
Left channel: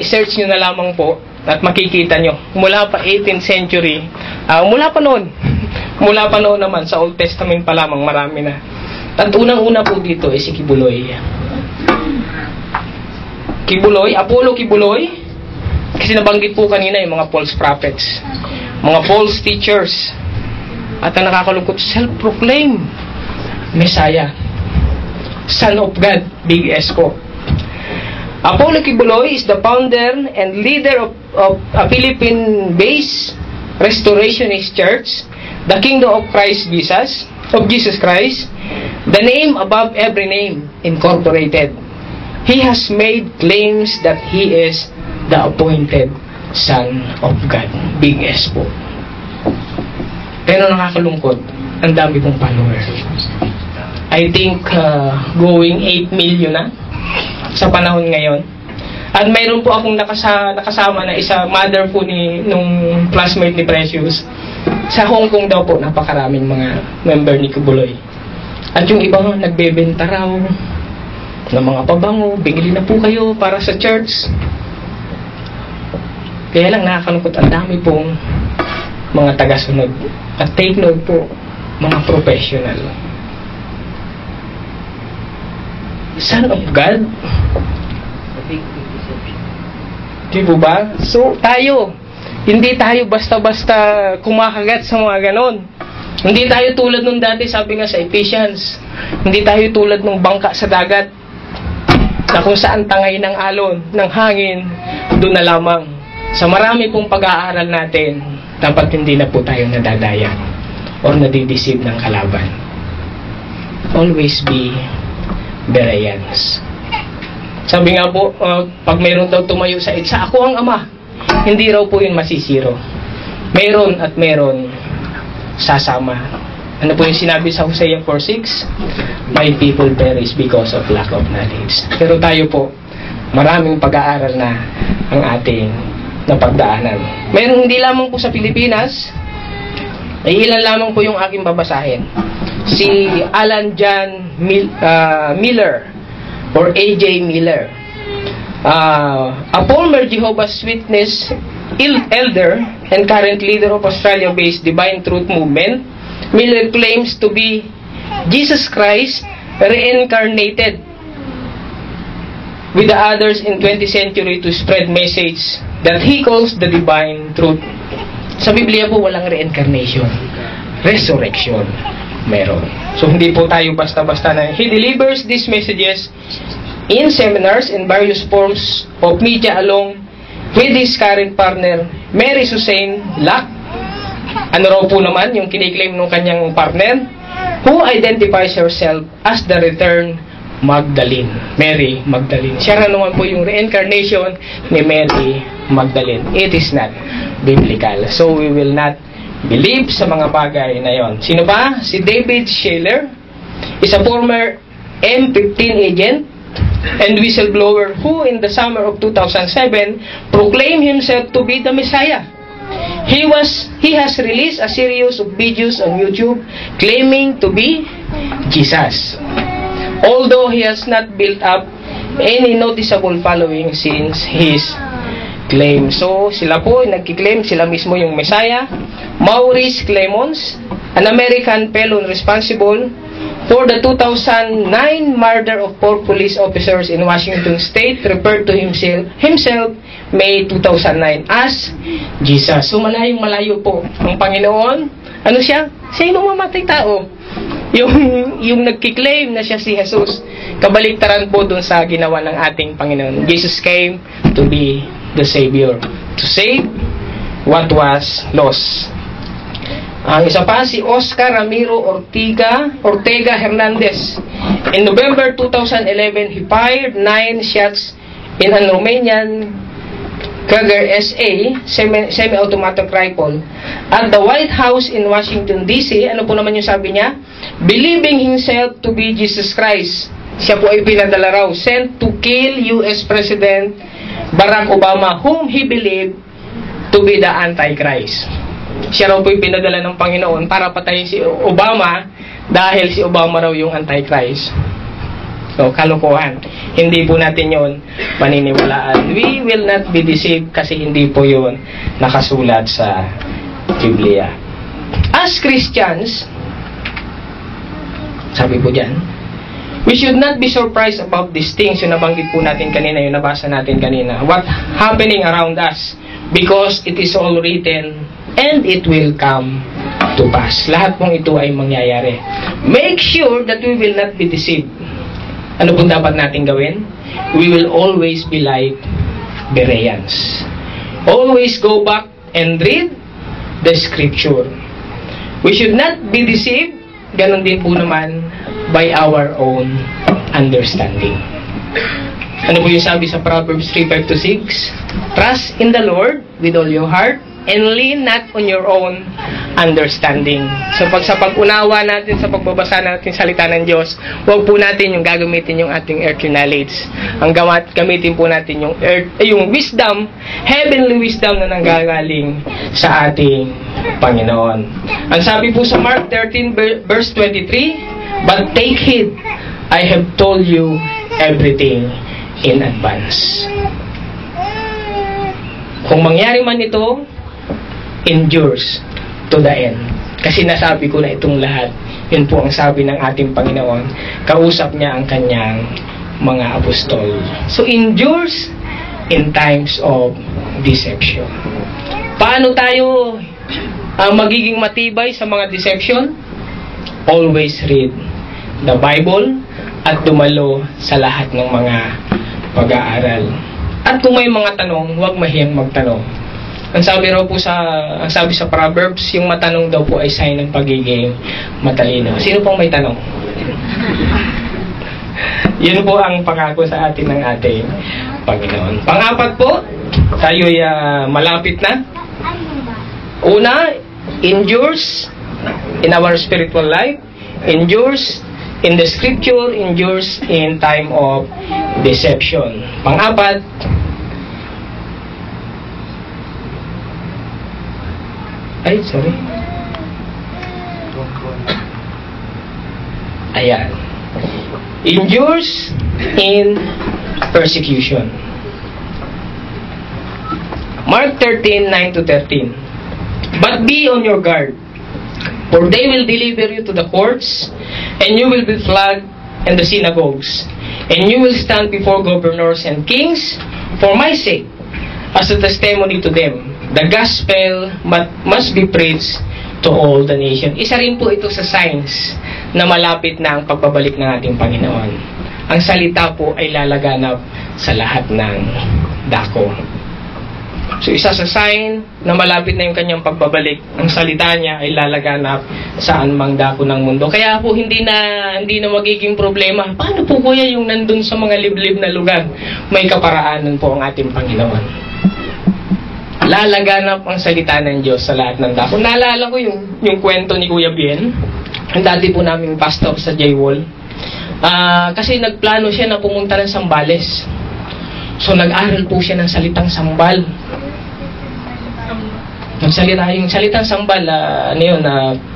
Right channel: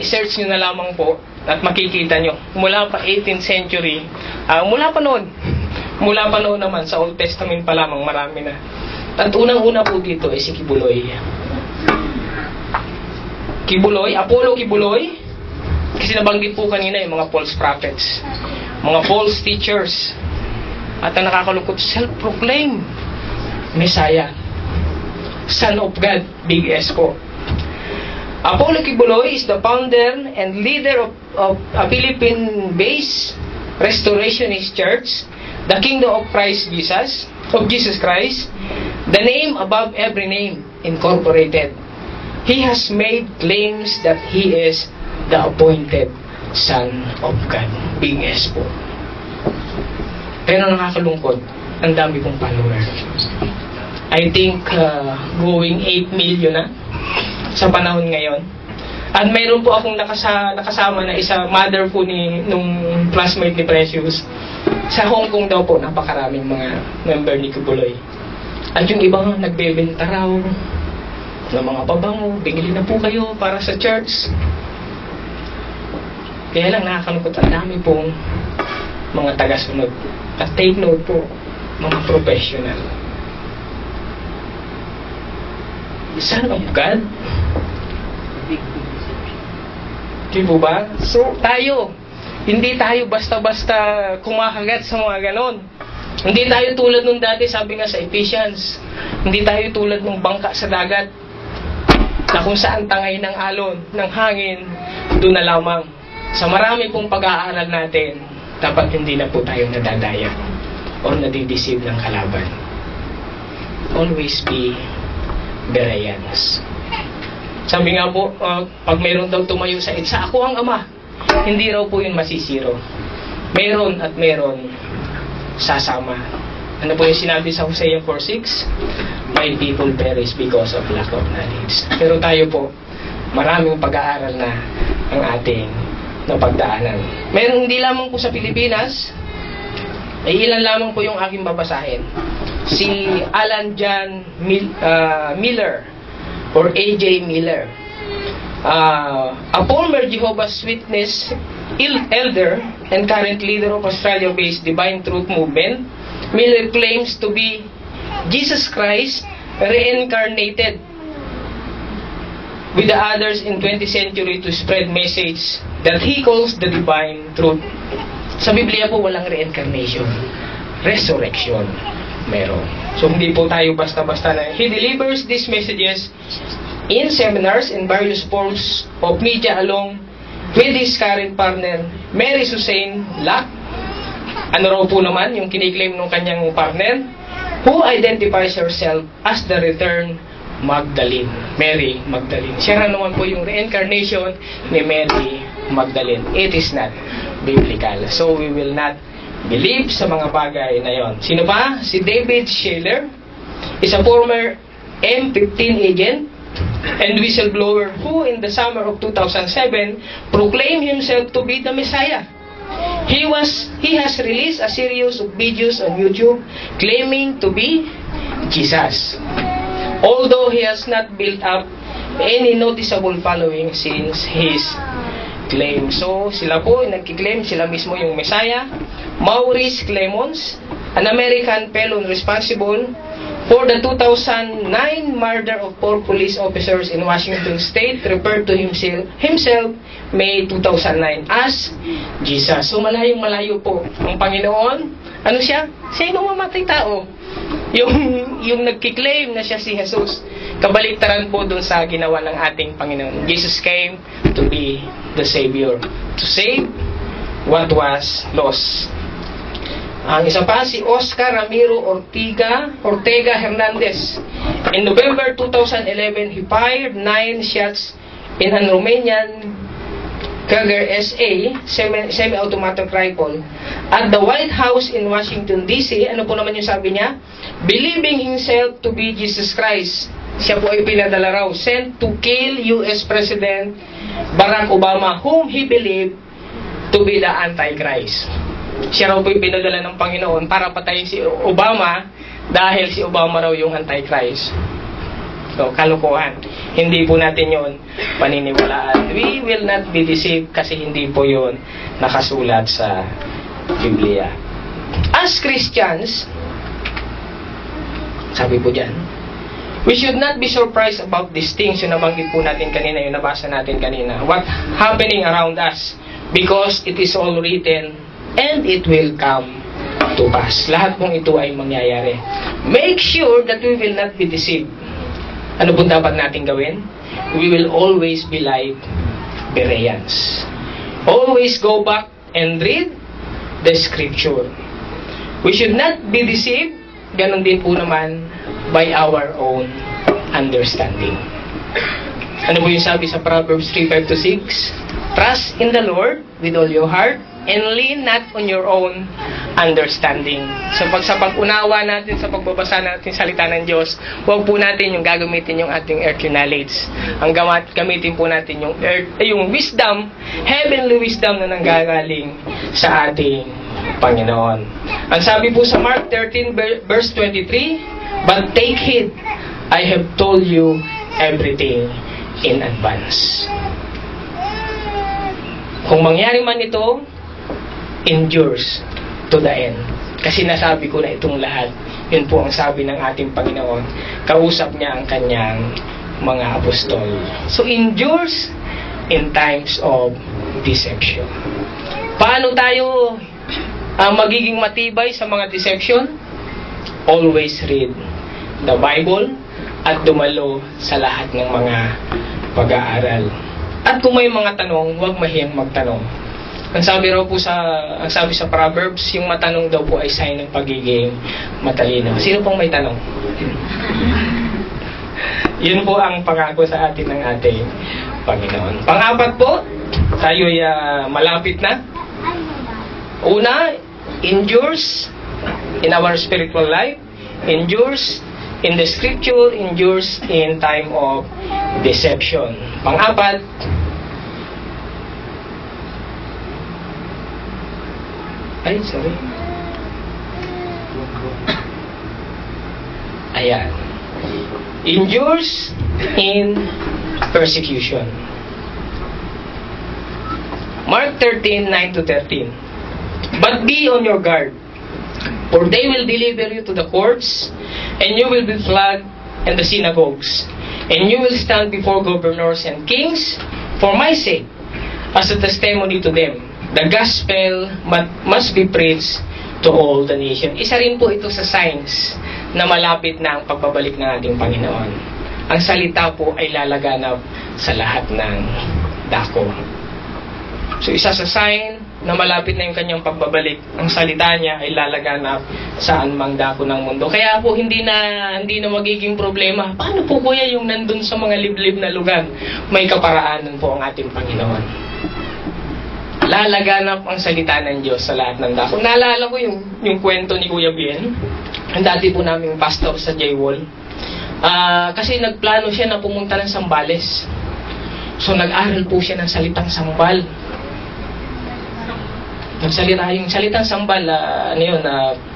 I-search nyo na lamang po at makikita nyo. Mula pa 18th century, mula pa noon naman, sa Old Testament pa lamang, marami na. At unang-una po dito ay si Kibuloy. Apollo Kibuloy, kasi nabanggit po kanina yung mga false prophets, mga false teachers, at ang nakakalungkot, self-proclaim Messiah, Son of God, Big S po. Apollo Kibuloy is the founder and leader of a Philippine-based Restorationist Church, the Kingdom of Jesus Christ, the name above every name, Incorporated. He has made claims that he is the appointed Son of God, Big S po. Pero nakakalungkot, ang dami pong followers. I think going 8 million na sa panahon ngayon. At mayroon po akong nakasama na isa, mother po nung classmate ni Precious. Sa Hong Kong daw po, napakaraming mga member ni Kibuloy. At yung iba nagbebenta raw ng mga pabango, bigli na po kayo para sa church. Kaya lang nakakalungkot, ang dami pong mga tagasunod. At take note po, mga professional. Son of God? Di po ba? So, hindi tayo basta-basta kumakagat sa mga ganon. Hindi tayo tulad nung dati, sabi nga sa Ephesians, hindi tayo tulad nung bangka sa dagat, na kung saan tangay ng alon, ng hangin, doon na lamang. Sa marami pong pag-aaral natin, dapat hindi na po tayo nadadaya or nadideceive ng kalaban. Always be Bereans. Sabi nga po, pag mayroon daw tumayo sa ako ang Ama, hindi raw po yun masisiro. Meron at meron sasama. Ano po yung sinabi sa Hosea 4:6? My people perish because of lack of knowledge. Pero tayo po, maraming pag-aaral na ang ating napagdaanan. Meron hindi lamang po sa Pilipinas, ay ilan lamang po yung aking babasahin. Si Alan John Miller or A.J. Miller, a former Jehovah's Witness elder and current leader of Australia-based Divine Truth Movement. Miller claims to be Jesus Christ reincarnated with the others in 20th century to spread message that he calls the divine truth. Sa Biblia po walang reincarnation, resurrection meron. So hindi po tayo basta-basta na. He delivers these messages in seminars in various forms of media along with his current partner Mary Suzanne Lack. Ano raw po naman yung kiniklaim ng kanyang partner, who identifies herself as the returned Magdalene, Mary Magdalene. Siya na naman po yung reincarnation ni Mary Magdalene. It is not biblical. So we will not believe sa mga bagay na yon. Sino ba? Si David Scheller is a former M15 agent and whistleblower who in the summer of 2007 proclaimed himself to be the Messiah. He has released a series of videos on YouTube claiming to be Jesus, although he has not built up any noticeable following since his claim. So, sila po, nagkiklaim, sila mismo yung Messiah. Maurice Clemons, an American felon responsible for the 2009 murder of 4 police officers in Washington State, referred to himself May 2009 as Jesus. So, malayong-malayo po ang Panginoon. Ano siya? Siya yung mamamatay tao. Yung nagkiklaim na siya si Jesus. Kabaliktaran po dun sa ginawa ng ating Panginoon. Jesus came to be the Savior, to save what was lost. Ang isa pa, si Oscar Ramiro Ortega Hernandez. In November 2011, he fired 9 shots in a Romanian Kager SA semi-automatic rifle at the White House in Washington, D.C. Ano po naman yung sabi niya? Believing himself to be Jesus Christ. siya po ay pinadala raw, sent to kill US President Barack Obama, whom he believed to be the Antichrist. Siya raw po ay pinadala ng Panginoon para patayin si Obama dahil si Obama raw yung Antichrist. So, kalokohan. Hindi po natin yun paniniwalaan. We will not be deceived kasi hindi po yun nakasulat sa Biblia. As Christians, sabi po dyan, we should not be surprised about these things. Yung nabanggit po natin kanina, yung nabasa natin kanina. What happening around us? Because it is all written and it will come to pass. Lahat pong ito ay mangyayari. Make sure that we will not be deceived. Ano pong dapat natin gawin? We will always be like Bereans. Always go back and read the scripture. We should not be deceived, ganon din po naman, by our own understanding. Ano po yung sabi sa Proverbs 3:5-6? Trust in the Lord with all your heart and lean not on your own understanding. So sa pag-unawa natin, sa pagbabasa natin salita ng Diyos, huwag po natin yung gagamitin yung ating earthly knowledge. Ang gamitin po natin yung wisdom, heavenly wisdom na nanggagaling sa ating Panginoon. Ang sabi po sa Mark 13 verse 23, but take heed, I have told you everything in advance. Kung mangyari man ito, endures to the end. Kasi nasabi ko na itong lahat. Yun po ang sabi ng ating Panginoon. Kausap niya ang kanyang mga apostol. So, endures in times of deception. Paano tayo magiging matibay sa mga deception? Always read the Bible at dumalo sa lahat ng mga pag-aaral. At kung may mga tanong, huwag mahiyang magtanong. Ang sabi sa Proverbs, yung matanong daw po ay sign ng pagiging matalino. Sino pong may tanong? Yun po ang pangako sa atin ng ating Panginoon. Pang-apat po, tayo'y malapit na. Una, endures in our spiritual life, endures in the scripture, endures in time of deception. Pang-apat, Ayan. Endures in persecution. Mark 13:9-13. But be on your guard, for they will deliver you to the courts, and you will be flogged in the synagogues, and you will stand before governors and kings for my sake, as a testimony to them. The gospel must be preached to all the nation. Isa rin po ito sa signs na malapit na ang pagbabalik ng ating Panginoon. Ang salita po ay lalaganap sa lahat ng dako. So isa sa sign na malapit na yung kanyang pagbabalik, ang salita niya ay lalaganap saan mang dako ng mundo. Kaya po hindi na magiging problema. Paano po kuya yung nandun sa mga liblib na lugar? May kaparaanan po ang ating Panginoon. Lalaganap ang salita ng Diyos sa lahat ng dako. Naalala ko yung kwento ni Kuya Bien, ang dati po naming pastor sa J-Wall. Kasi nagplano siya na pumunta ng Sambales. So nag-aral po siya ng salitang sambal. Yung salitang sambal,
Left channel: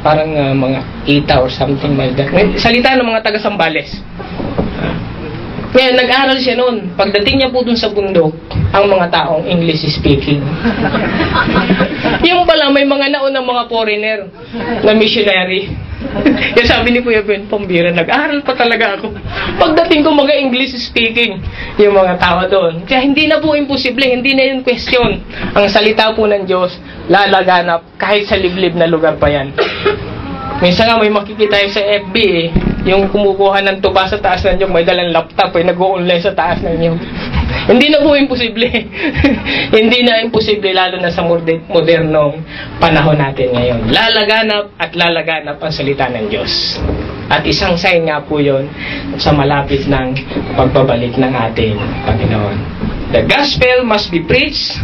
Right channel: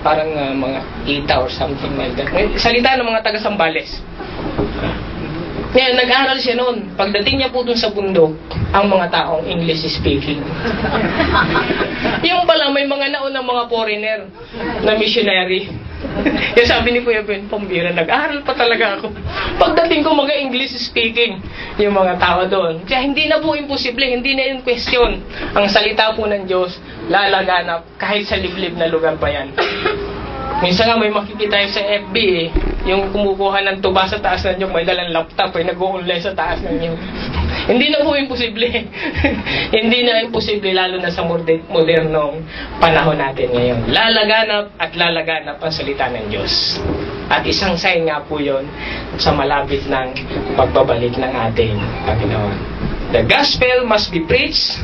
parang mga kita or something like that. Salita ng mga taga-Sambales. Ngayon, nag-aral siya noon. Pagdating niya po dun sa bundok, ang mga taong English speaking. Yung pala, may mga naunang mga foreigner na missionary. Yung sabi ni Kuya Ben, pambira, nag-aral pa talaga ako. Pagdating ko mga English speaking, yung mga tao doon. Kaya hindi na po imposible, hindi na yung question. Ang salita po ng Diyos, lalaganap kahit sa liblib na lugar pa yan. Minsan nga may makikita yung sa FB yung kumukuha ng tuba sa taas ng nyog, may dalang laptop, nag-o-online sa taas ng nyog. Hindi na po imposible. Hindi na imposible, lalo na sa modernong panahon natin ngayon. Lalaganap at lalaganap ang salita ng Diyos. At isang sign nga po yun sa malapit ng pagbabalik ng ating Panginoon. The gospel must be preached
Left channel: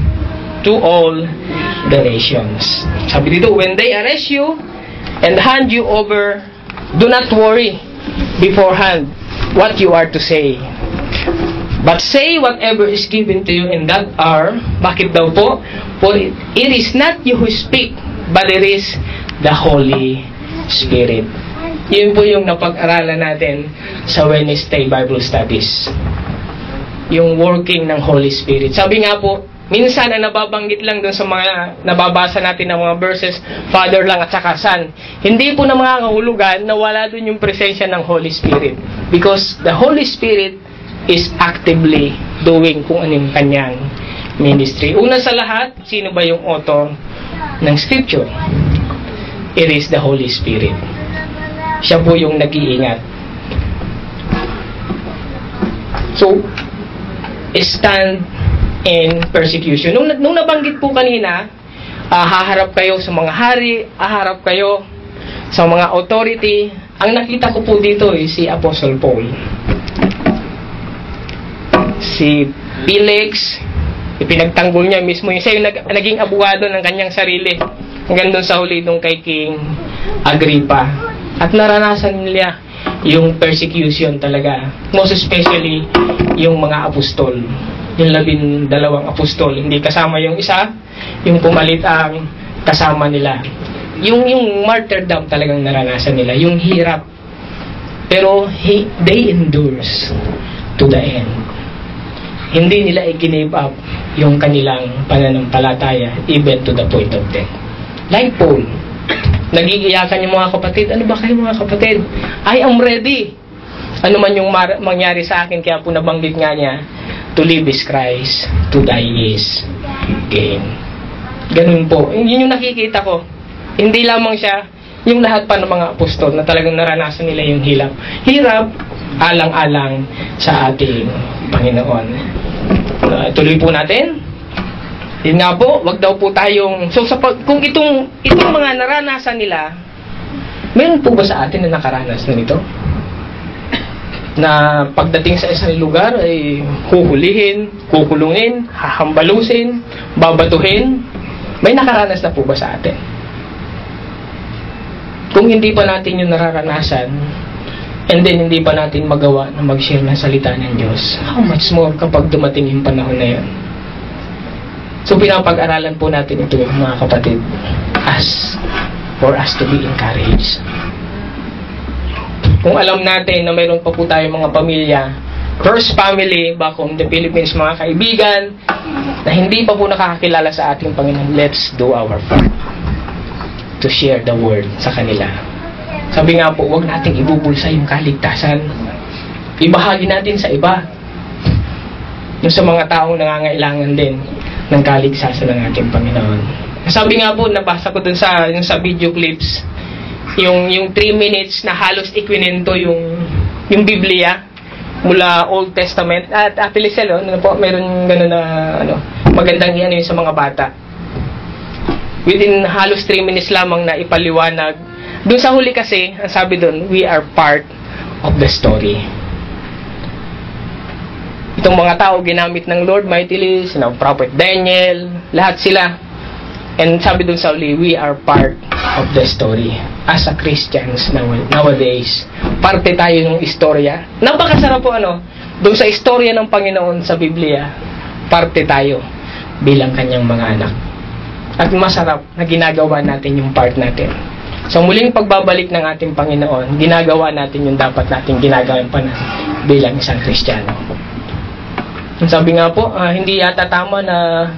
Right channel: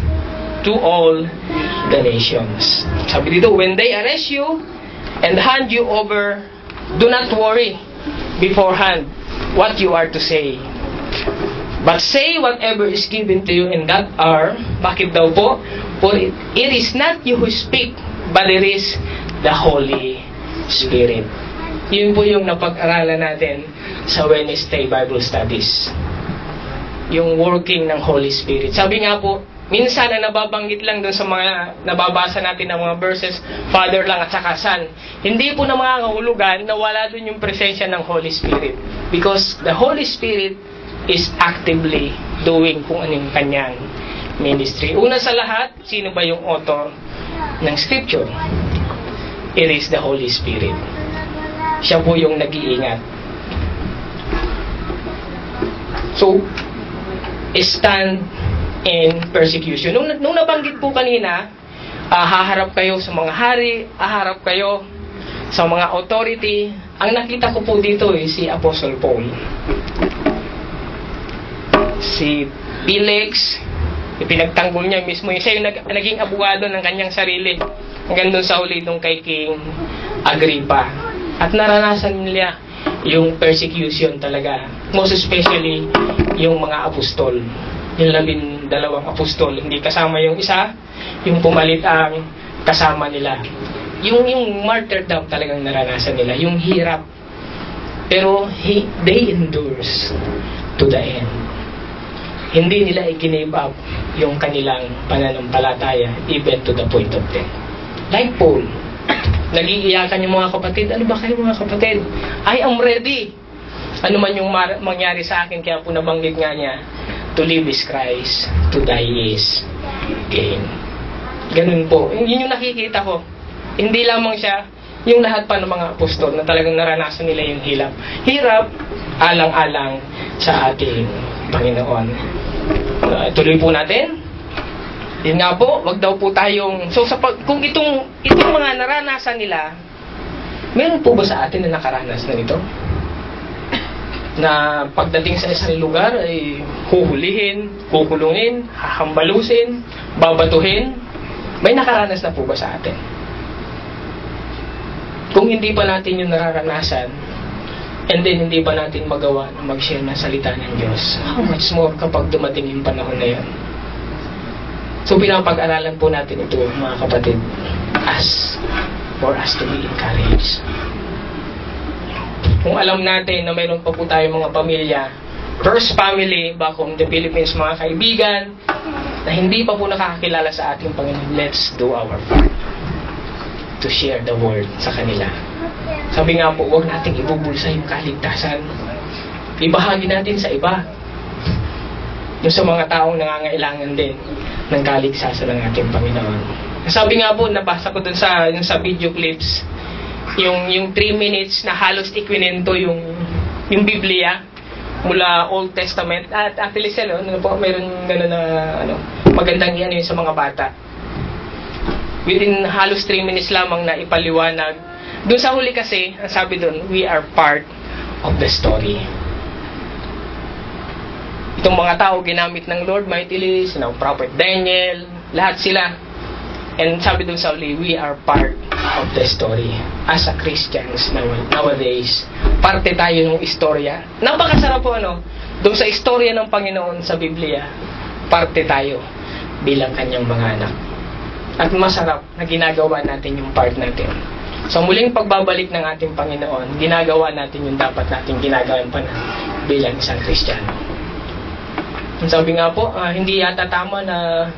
to all the nations. Sabi dito, when they arrest you and hand you over, do not worry beforehand what you are to say. But say whatever is given to you in that hour. Bakit daw po? For it is not you who speak, but it is the Holy Spirit. Yun po yung napag-aralan natin sa Wednesday Bible Studies. Yung working ng Holy Spirit. Sabi nga po, minsan ang nababanggit lang dun sa mga nababasa natin ng mga verses, Father lang at saka Son. Hindi po na mga kahulugan na wala dun yung presensya ng Holy Spirit. Because the Holy Spirit is actively doing kung anong kanyang ministry. Una sa lahat, sino ba yung author ng Scripture? It is the Holy Spirit. Siya po yung nag-iingat. So, stand in persecution. Nung nabanggit po kanina, haharap kayo sa mga hari, haharap kayo sa mga authority. Ang nakita ko po dito si Apostle Paul. Si Felix, ipinagtanggol niya mismo. Siya yung naging abogado ng kanyang sarili. Hanggang doon sa huli nung kay King Agrippa. At naranasan nila yung persecution talaga. Most especially yung mga apostol. Yung 12 apostol. Hindi kasama yung isa, yung pumalit ang kasama nila. Yung martyrdom talagang naranasan nila. Yung hirap. Pero they endures to the end. Hindi nila i-give up yung kanilang pananampalataya even to the point of death. Like Paul, nagiiyakan yung mga kapatid. Ano ba kayo mga kapatid? I am ready. Ano man yung mangyari sa akin, kaya po nabanggit nga niya, to live is Christ, to die is gain. Ganun po. Yun yung nakikita ko. Hindi lamang siya, yung lahat pa ng mga apostol na talagang naranasan nila yung hirap, alang-alang sa ating Panginoon. Tuloy po natin. Yun nga po, wag daw po tayong... So, kung itong mga naranasan nila, meron po ba sa atin na nakaranas na nito? Na pagdating sa isang lugar ay huhulihin, kukulungin, hahambalusin, babatuhin. May nakaranas na po ba sa atin? Kung hindi pa natin yung nararanasan, and then hindi pa natin magawa na mag-share ng salita ng Diyos, how much more kapag dumating yung panahon na yun? So pinapag-aralan po natin ito mga kapatid, for us to be encouraged. Kung alam natin na mayroon pa po tayong mga pamilya, first family back home in the Philippines, mga kaibigan na hindi pa po nakakakilala sa ating Panginoon, let's do our part to share the word sa kanila. Sabi nga po, huwag nating ibubulsa yung kaligtasan. Ibahagi natin sa iba. Yung sa mga taong nangangailangan din ng kaligtasan ng ating Panginoon. Sabi nga po, nabasa ko dun sa video clips, yung 3 minutes na halos ikwinento yung Biblia mula Old Testament. At actually, meron gano'n na magandang iyan yun sa mga bata. Within halos 3 minutes lamang na ipaliwanag. Doon sa huli kasi, ang sabi doon, we are part of the story. Itong mga tao ginamit ng Lord mightily, Prophet Daniel, lahat sila. And sabi doon sa huli, we are part of the story. As a Christians nowadays, parte tayo ng istorya. Napakasarap po doon sa istorya ng Panginoon sa Biblia, parte tayo bilang kanyang mga anak. At masarap na ginagawa natin yung part natin. So muling pagbabalik ng ating Panginoon, ginagawa natin yung dapat natin ginagawa bilang isang Kristiyano. Sabi nga po, hindi yata tama na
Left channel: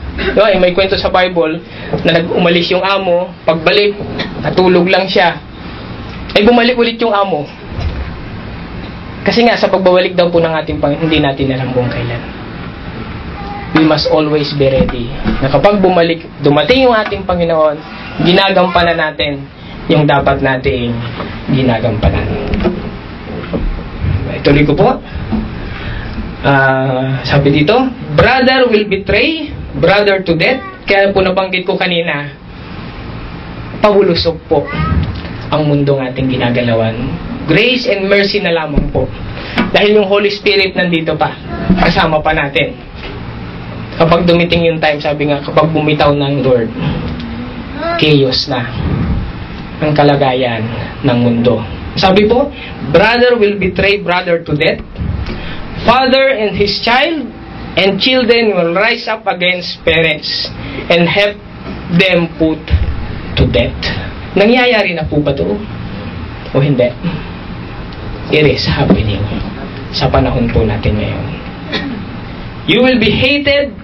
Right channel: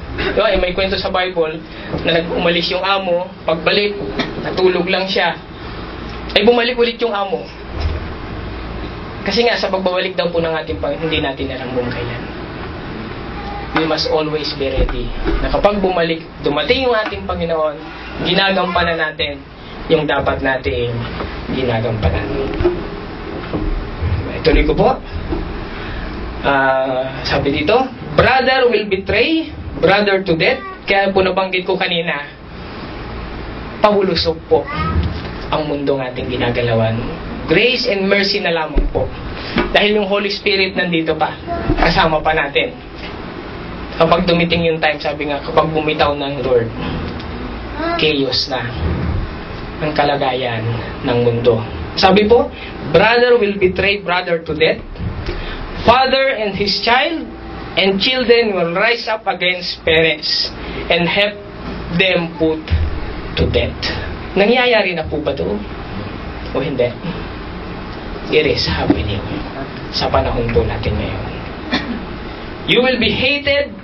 may kwento sa Bible na nag-umalis yung amo, pagbalik, natulog lang siya. Ay bumalik ulit yung amo. Kasi nga sa pagbabalik daw po ng ating Panginoon, hindi natin alam kung kailan. We must always be ready. Na kapag dumating yung ating Panginoon, ginagampanan natin yung dapat nating ginagampanan. Ituloy ko po. Sabi dito, brother will betray brother to death. Kaya po nabanggit ko kanina, pahulusog po ang mundong ating ginagalawan. Grace and mercy na lamang po. Dahil yung Holy Spirit nandito pa, kasama pa natin. Kapag dumiting yung time, sabi nga, kapag bumitaw ng Lord, chaos na ang kalagayan ng mundo. Sabi po, brother will betray brother to death. Father and his child and children will rise up against parents and have them put to death. Nangyayari na po ba ito? O hindi? It is happening sa panahon po natin ngayon. You will be hated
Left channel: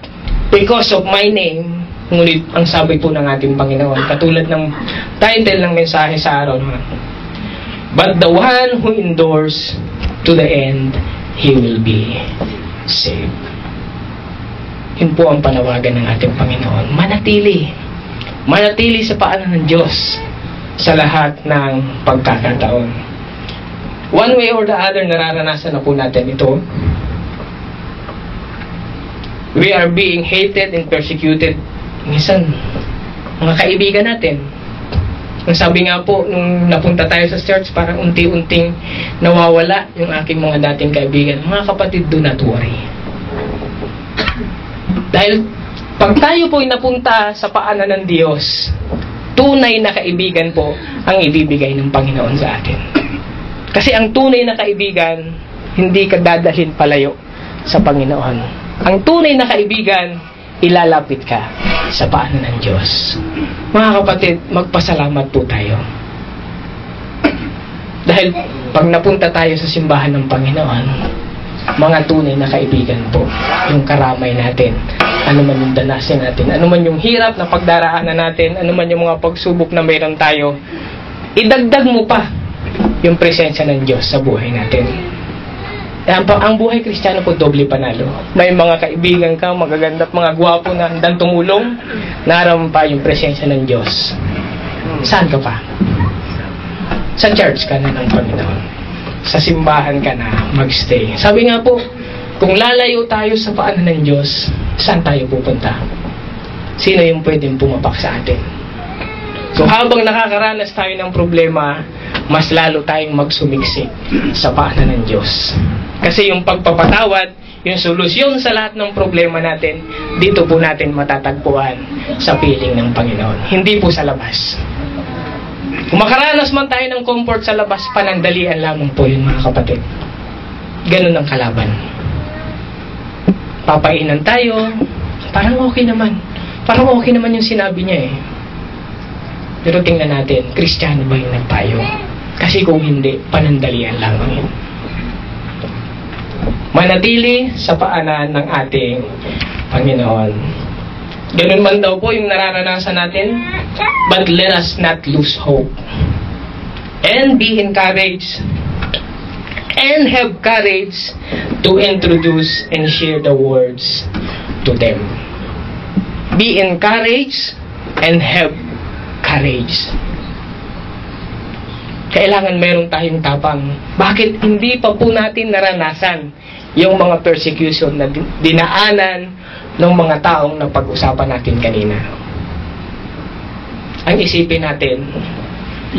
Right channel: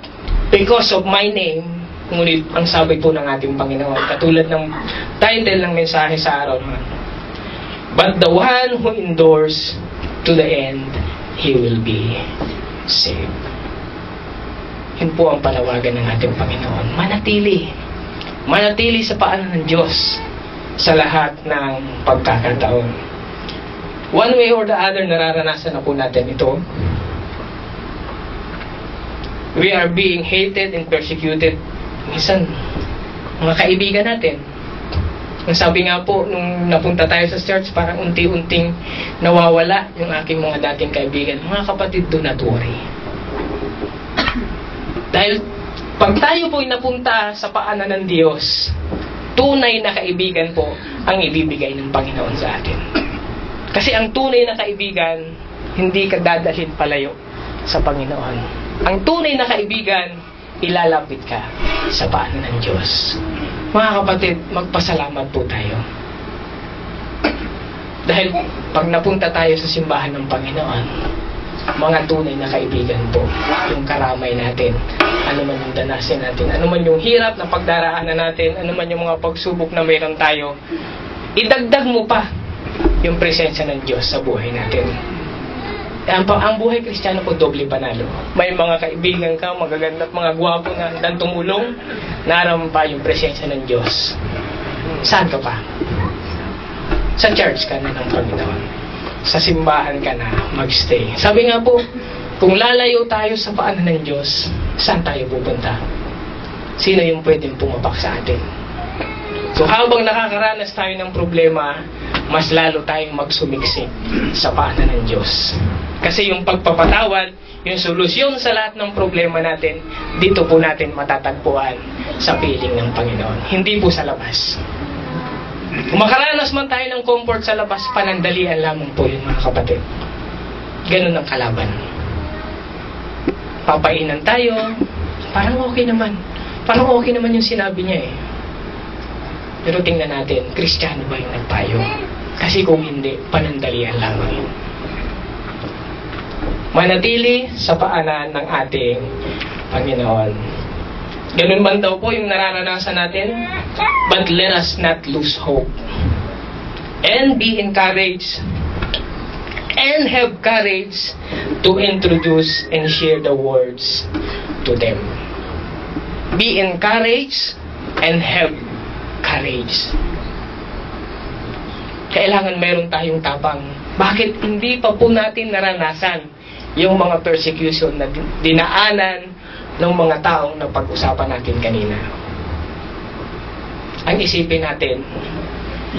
because of my name. Ngunit ang sabi po ng ating Panginoon, katulad ng title ng mensahe sa araw na, but the one who endures to the end, he will be saved. Yun po ang panawagan ng ating Panginoon. Manatili. Manatili sa paanan ng Diyos sa lahat ng pagkakataon. One way or the other, nararanasan na po natin ito. We are being hated and persecuted. Minsan, mga kaibigan natin. Ang sabi nga po, nung napunta tayo sa church, parang unti-unting nawawala yung aking mga dating kaibigan. Mga kapatid, do not worry. Dahil pag tayo po'y napunta sa paanan ng Diyos, tunay na kaibigan po ang ibibigay ng Panginoon sa atin. Kasi ang tunay na kaibigan, hindi ka dadalhin palayo sa Panginoon. Ang tunay na kaibigan, ilalapit ka sa paanan ng Diyos. Mga kapatid, magpasalamat po tayo. Dahil pag napunta tayo sa simbahan ng Panginoon, mga tunay na kaibigan po, yung karamay natin, ano man yung danasin natin, ano man yung hirap na pagdaraanan natin, ano man yung mga pagsubok na mayroon tayo, idagdag mo pa yung presensya ng Diyos sa buhay natin. Ang buhay Kristiyano po, doble panalo. May mga kaibigan ka, magaganda at mga gwapo na handang tumulong, naroon pa yung presensya ng Diyos. Saan ka pa? Sa church ka na ng Panginoon. Sa simbahan ka na magstay. Sabi nga po, kung lalayo tayo sa paanan ng Diyos, saan tayo pupunta? Sino yung pwedeng pumapak sa atin? So habang nakakaranas tayo ng problema, mas lalo tayong magsumiksik sa paanan ng Diyos. Kasi yung pagpapatawad, yung solusyon sa lahat ng problema natin, dito po natin matatagpuan sa piling ng Panginoon. Hindi po sa labas. Kung makaranas man tayo ng comfort sa labas, panandalian lamang po yun, mga kapatid. Ganun ang kalaban. Papainan tayo, parang okay naman. Parang okay naman yung sinabi niya eh. Pero tingnan natin, Kristiyano ba yung nagpayo? Kasi kung hindi, panandalian lamang yun. Manatili sa paanan ng ating Panginoon. Ganun man daw po yung nararanasan natin, but let us not lose hope. And be encouraged and have courage to introduce and share the words to them. Be encouraged and have courage. Kailangan meron tayong tapang. Bakit hindi pa po natin naranasan yung mga persecution na dinaanan ng mga taong napag-usapan natin kanina? Ang isipin natin,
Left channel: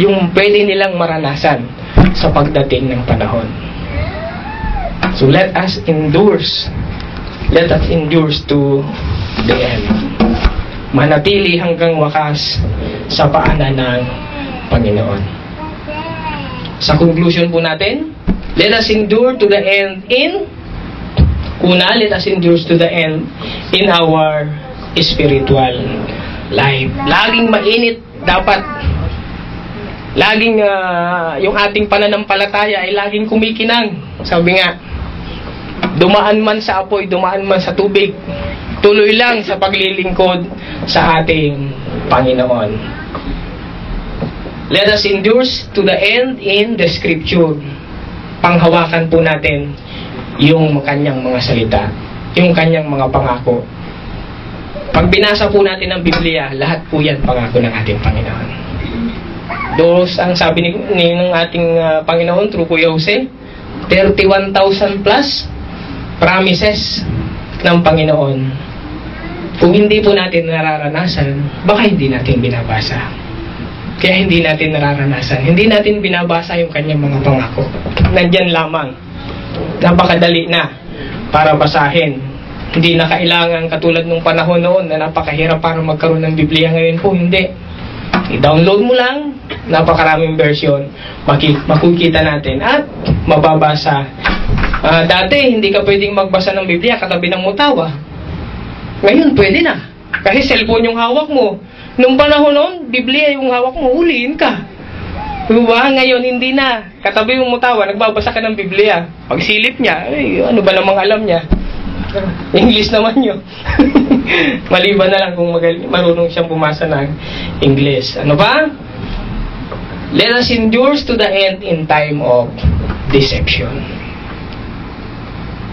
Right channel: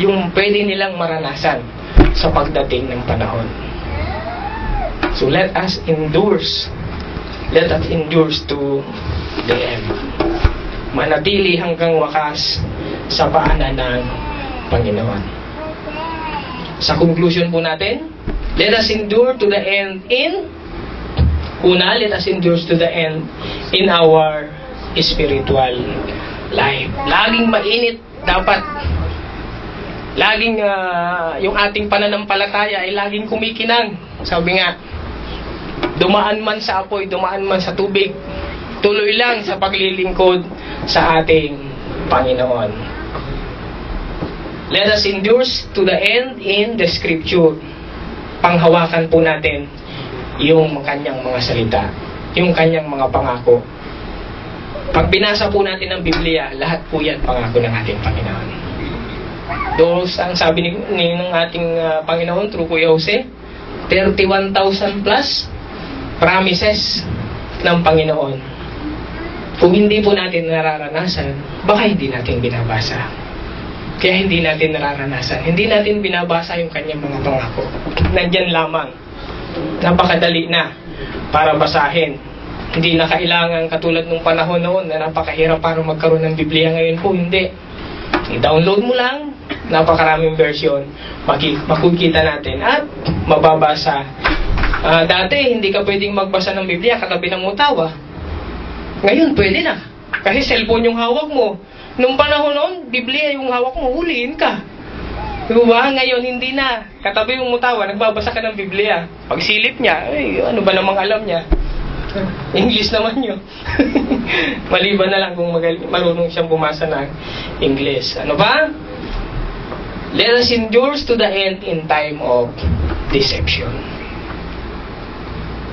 yung pwede nilang maranasan sa pagdating ng panahon. So let us endure. Let us endure to the end. Manatili hanggang wakas sa paanan ng Panginoon. Sa conclusion po natin, let us endure to the end let us endure to the end in our spiritual life. Laging mainit dapat. Laging yung ating pananampalataya ay laging kumikinang. Sabi nga, dumaan man sa apoy, dumaan man sa tubig, tuloy lang sa paglilingkod sa ating Panginoon. Let us endure to the end in the Scripture. Panghawakan po natin yung kanyang mga salita, yung kanyang mga pangako. Pag binasa po natin ang Biblia, lahat po yan pangako ng ating Panginoon. Those, ang sabi ng ating Panginoon through Kuya Jose, 31,000 plus promises ng Panginoon. Kung hindi po natin nararanasan, baka hindi natin binabasa. Kaya hindi natin nararanasan. Hindi natin binabasa yung kanyang mga pangako. Nandyan lamang. Napakadali na para basahin. Hindi na kailangan katulad nung panahon noon na napakahirap para magkaroon ng Biblia. Ngayon po, hindi. I-download mo lang, Napakaraming version makikita natin at mababasa. Dati, hindi ka pwedeng magbasa ng Biblia katabi ng mutawa. Ngayon, pwede na. Kasi cellphone yung hawak mo. Nung panahon noon, Biblia yung hawak mo, huliin ka. Diba? Ngayon, hindi na. Katabi yung mutawa, nagbabasa ka ng Biblia. Pagsilip niya, ano ba namang alam niya? English naman yun. Maliban na lang kung marunong siyang bumasa ng English. Ano ba? Let us endure to the end in time of deception.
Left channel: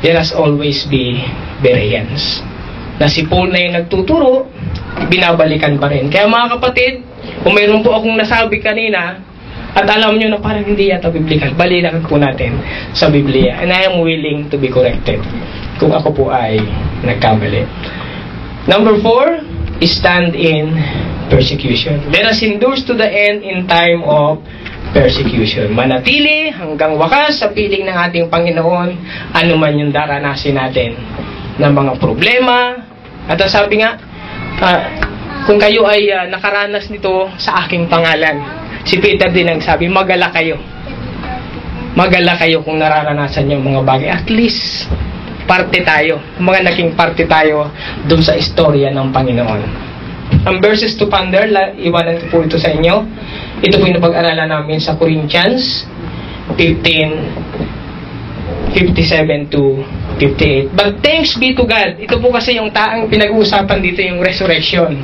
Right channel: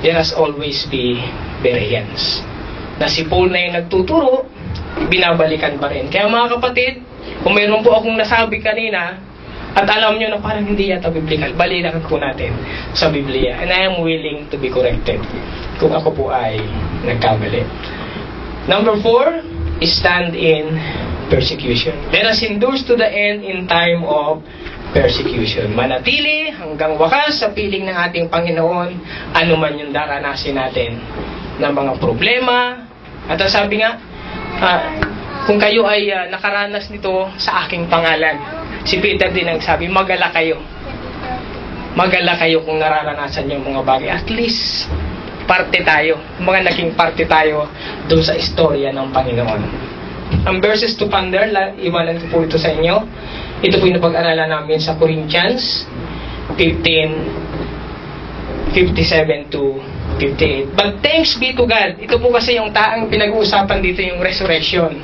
Let us always be Bereans. Na si Paul na yung nagtuturo, binabalikan pa rin. Kaya mga kapatid, kung mayroon po akong nasabi kanina, at alam nyo na parang hindi yata biblical, balikan po natin sa Biblia. And I am willing to be corrected kung ako po ay nagkamali. Number 4, stand in persecution. Let us endure to the end in time of persecution. Manatili hanggang wakas sa piling ng ating Panginoon, ano man yung daranasin natin ng mga problema. At sabi nga, kung kayo ay nakaranas nito sa aking pangalan, si Peter din nagsabi, magala kayo. Magala kayo kung nararanasan yung mga bagay. At least, parte tayo. Mga naging parte tayo doon sa istorya ng Panginoon. Ang verses to ponder, iwanan ko po ito sa inyo. Ito po yung napag-aralan namin sa Corinthians 15:57 to 58. But thanks be to God. Ito po kasi yung taang pinag-uusapan dito, yung resurrection.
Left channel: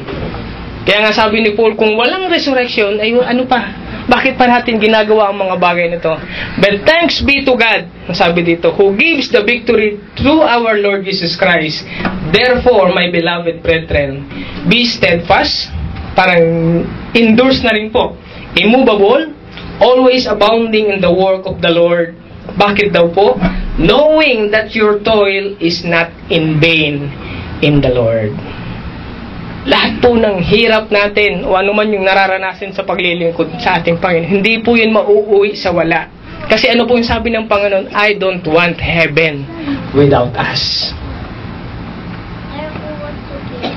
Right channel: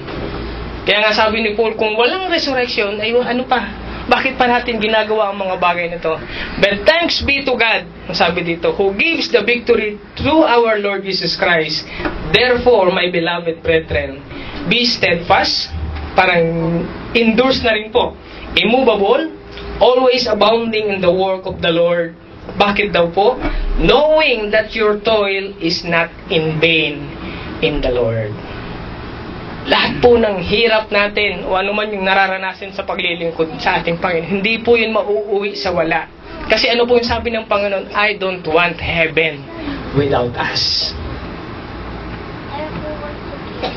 Kaya nga sabi ni Paul, kung walang resurrection, ay ano pa? Bakit pa natin ginagawa ang mga bagay na ito? But thanks be to God, sabi dito, who gives the victory through our Lord Jesus Christ. Therefore, my beloved brethren, be steadfast, parang endures na rin po, immovable, always abounding in the work of the Lord. Bakit daw po? Knowing that your toil is not in vain in the Lord. Lahat po ng hirap natin o ano man yung nararanasan sa paglilingkod sa ating Panginoon, hindi po yun mauuwi sa wala. Kasi ano po yung sabi ng Panginoon, I don't want heaven without us.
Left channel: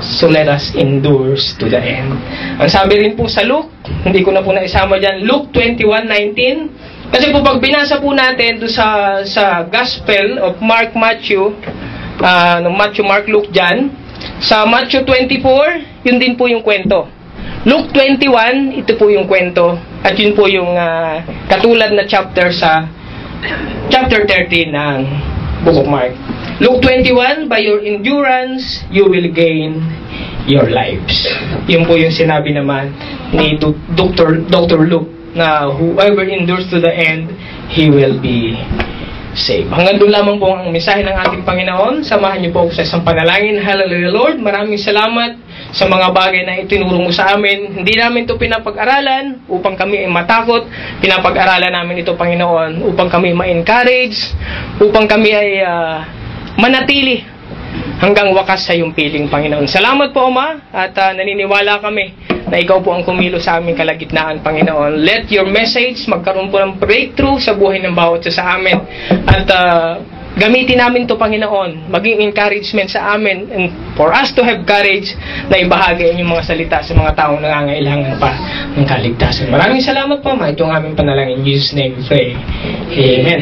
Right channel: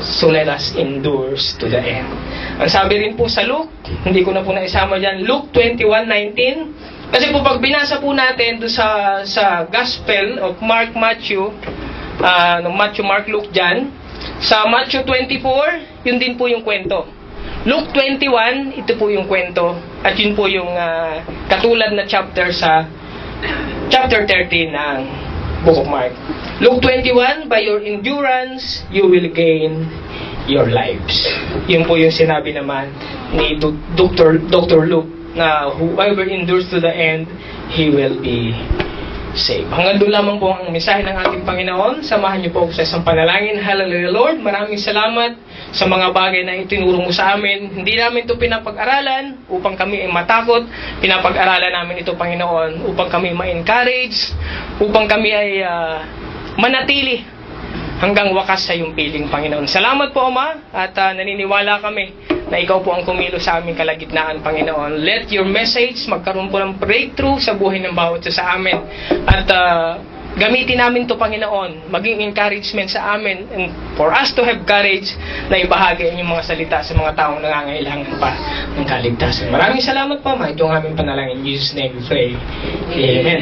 So let us endure to the end. Ang sabi rin po sa Luke, hindi ko na po naisama dyan, Luke 21:19. Kasi po pag binasa po natin doon sa Gospel of Mark, Matthew, Mark, Luke dyan, sa Matthew 24, yun din po yung kwento. Luke 21, ito po yung kwento. At yun po yung katulad na chapter sa chapter 13 ng Book of Mark. Luke 21, by your endurance, you will gain your lives. Yun po yung sinabi naman ni Dr. Luke na whoever endures to the end, he will be saved. Hanggang doon lamang po ang mensahe ng ating Panginoon. Samahan niyo po sa isang panalangin. Hallelujah Lord, maraming salamat sa mga bagay na itinuro mo sa amin. Hindi namin ito pinapag-aralan upang kami ay matakot. Pinapag-aralan namin ito, Panginoon, upang kami ma-encourage, upang kami ay manatili hanggang wakas sa iyong piling, Panginoon. Salamat po, Ama, at naniniwala kami na ikaw po ang kumilo sa aming kalagitnaan, Panginoon. Let your message magkaroon po ng breakthrough sa buhay ng bawat isa sa amin. At gamitin namin to, Panginoon, maging encouragement sa amin and for us to have courage na ibahagi ang inyong mga salita sa mga taong nangangailangan pa ng kaligtasan. Maraming salamat po, Ma. Ito ang aming panalangin. In Jesus' name we pray. Amen.